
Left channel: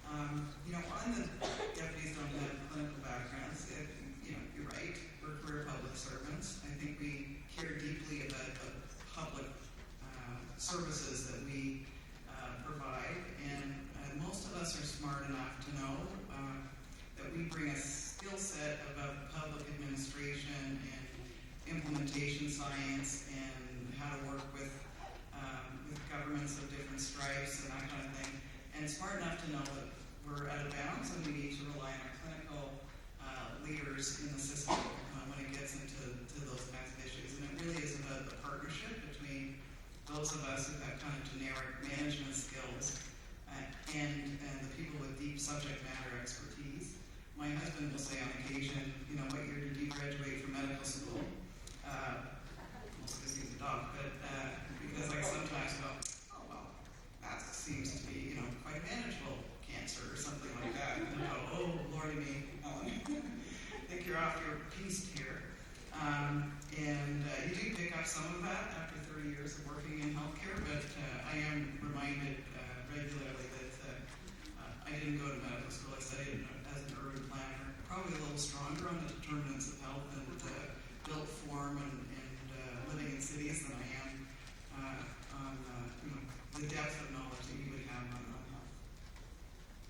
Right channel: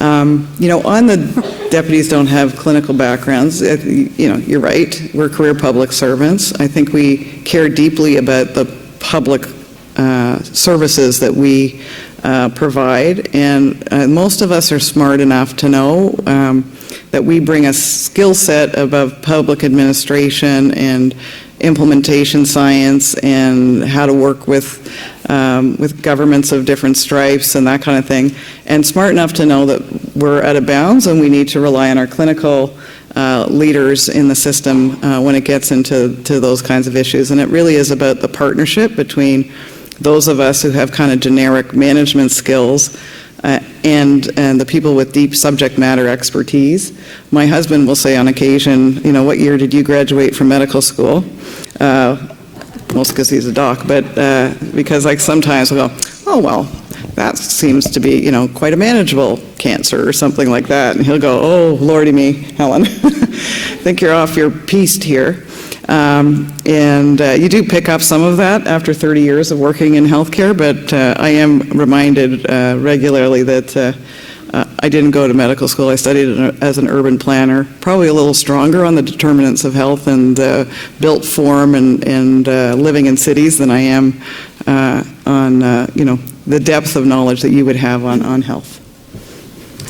On the deputies don't have clinical backgrounds, you're right. We're career public servants. I think we care deeply about the public services that we provide, and most of us are smart enough to know that we bring a skill set above public administration and implementation science and how to work with governments of different stripes and that kind of thing, and smart enough to know that we're out of bounds and we need to rely on our clinical leaders in the system when it gets into those kinds of issues. And it really is about the partnership between those of us who have kind of generic management skills and the people with deep subject matter expertise. My husband will say on occasion, what year did you graduate from medical school? Mostly because he's a doc, but because sometimes we'll go, oh, well, that seems to be, quite a manageable cancer or something like that. And he'll go, oh, lordy me, Helen, think you're off your piste here. And you do pick up some of that after 30 years of working in healthcare, but I am reminded regularly that I didn't go to medical school. I studied as an urban planner, probably a little stronger on the determinants of health and built form and living in cities than I am on the depth of knowledge that you would have on health.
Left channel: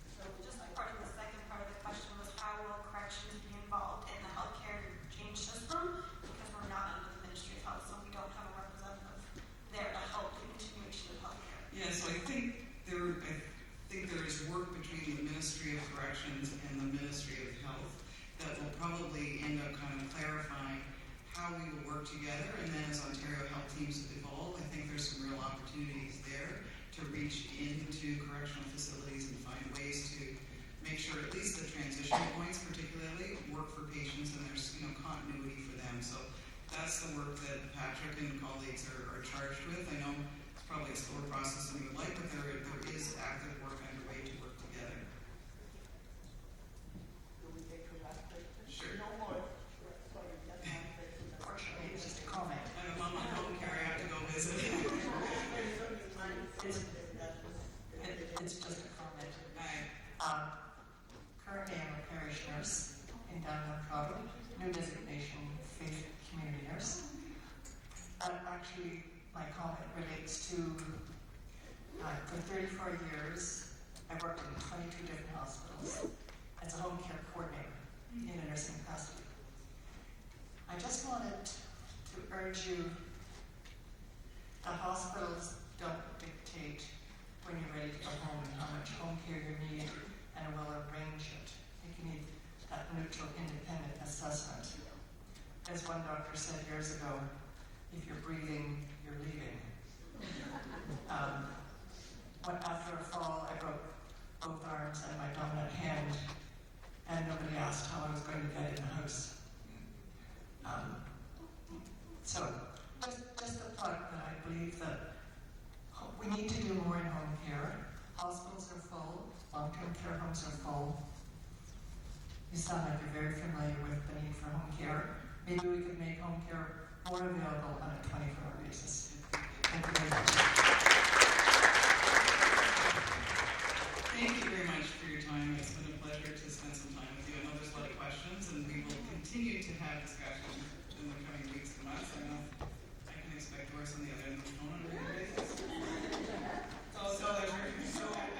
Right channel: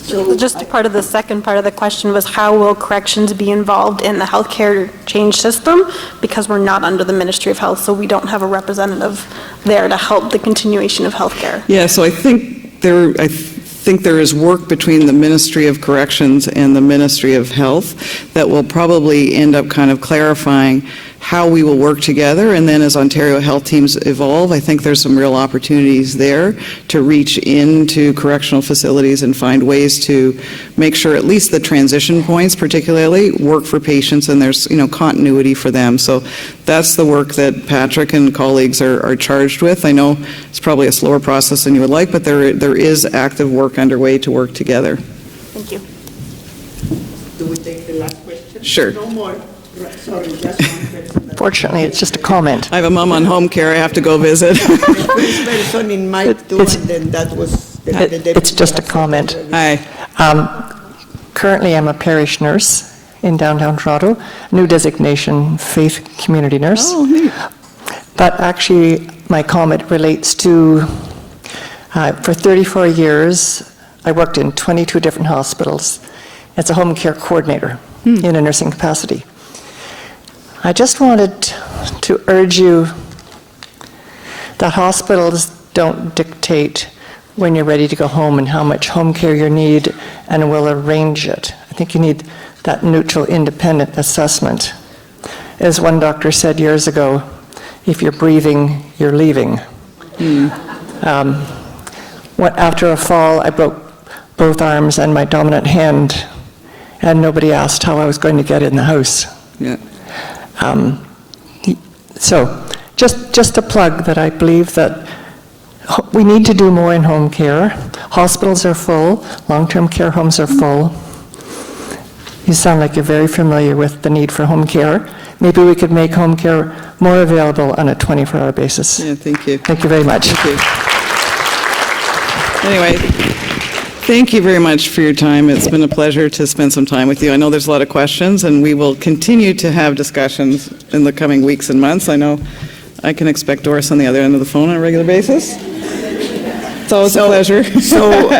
So just part of the second part of the question was, how will corrections be involved in the healthcare change system? Because we're not under the Ministry of Health, so we don't have a representative there to help the continuation of healthcare. Yeah, so I think there is work between the Ministry of Corrections and the Ministry of Health that will probably end up kind of clarifying how we will work together. And then as Ontario health teams evolve, I think there's some real opportunities there to reach into correctional facilities and find ways to make sure at least the transition points particularly work for patients and there's, continuity for them. So that's the work that Patrick and colleagues are charged with. I know it's probably a slower process than you would like, but there is active work underway to work together. Thank you. Do we take the last question? Sure. No more. Sorry, just one person. Fortunately, it's just a comment. I have a mom on home care I have to go visit. First person in my two, and then that was the deputy. It's just a comment. Hi. Currently, I'm a parish nurse in downtown Toronto, new designation, faith community nurse. Oh, neat. But actually, my comment relates to, for 34 years, I worked in 22 different hospitals as a home care coordinator in a nursing capacity. I just wanted to urge you that hospitals don't dictate when you're ready to go home and how much home care you need and will arrange it. I think you need that neutral, independent assessment. As one doctor said years ago, if you're breathing, you're leaving. After a fall, I broke both arms and my dominant hand, and nobody asked how I was going to get in the house. Yeah. So just a plug that I believe that we need to do more in home care. Hospitals are full, long-term care homes are full. You sound like you're very familiar with the need for home care. Maybe we could make home care more available on a 24-hour basis. Yeah, thank you. Thank you very much. Thank you. Anyway, thank you very much for your time. It's been a pleasure to spend some time with you. I know there's a lot of questions, and we will continue to have discussions in the coming weeks and months. I know I can expect Doris on the other end of the phone on a regular basis. It's always a pleasure. So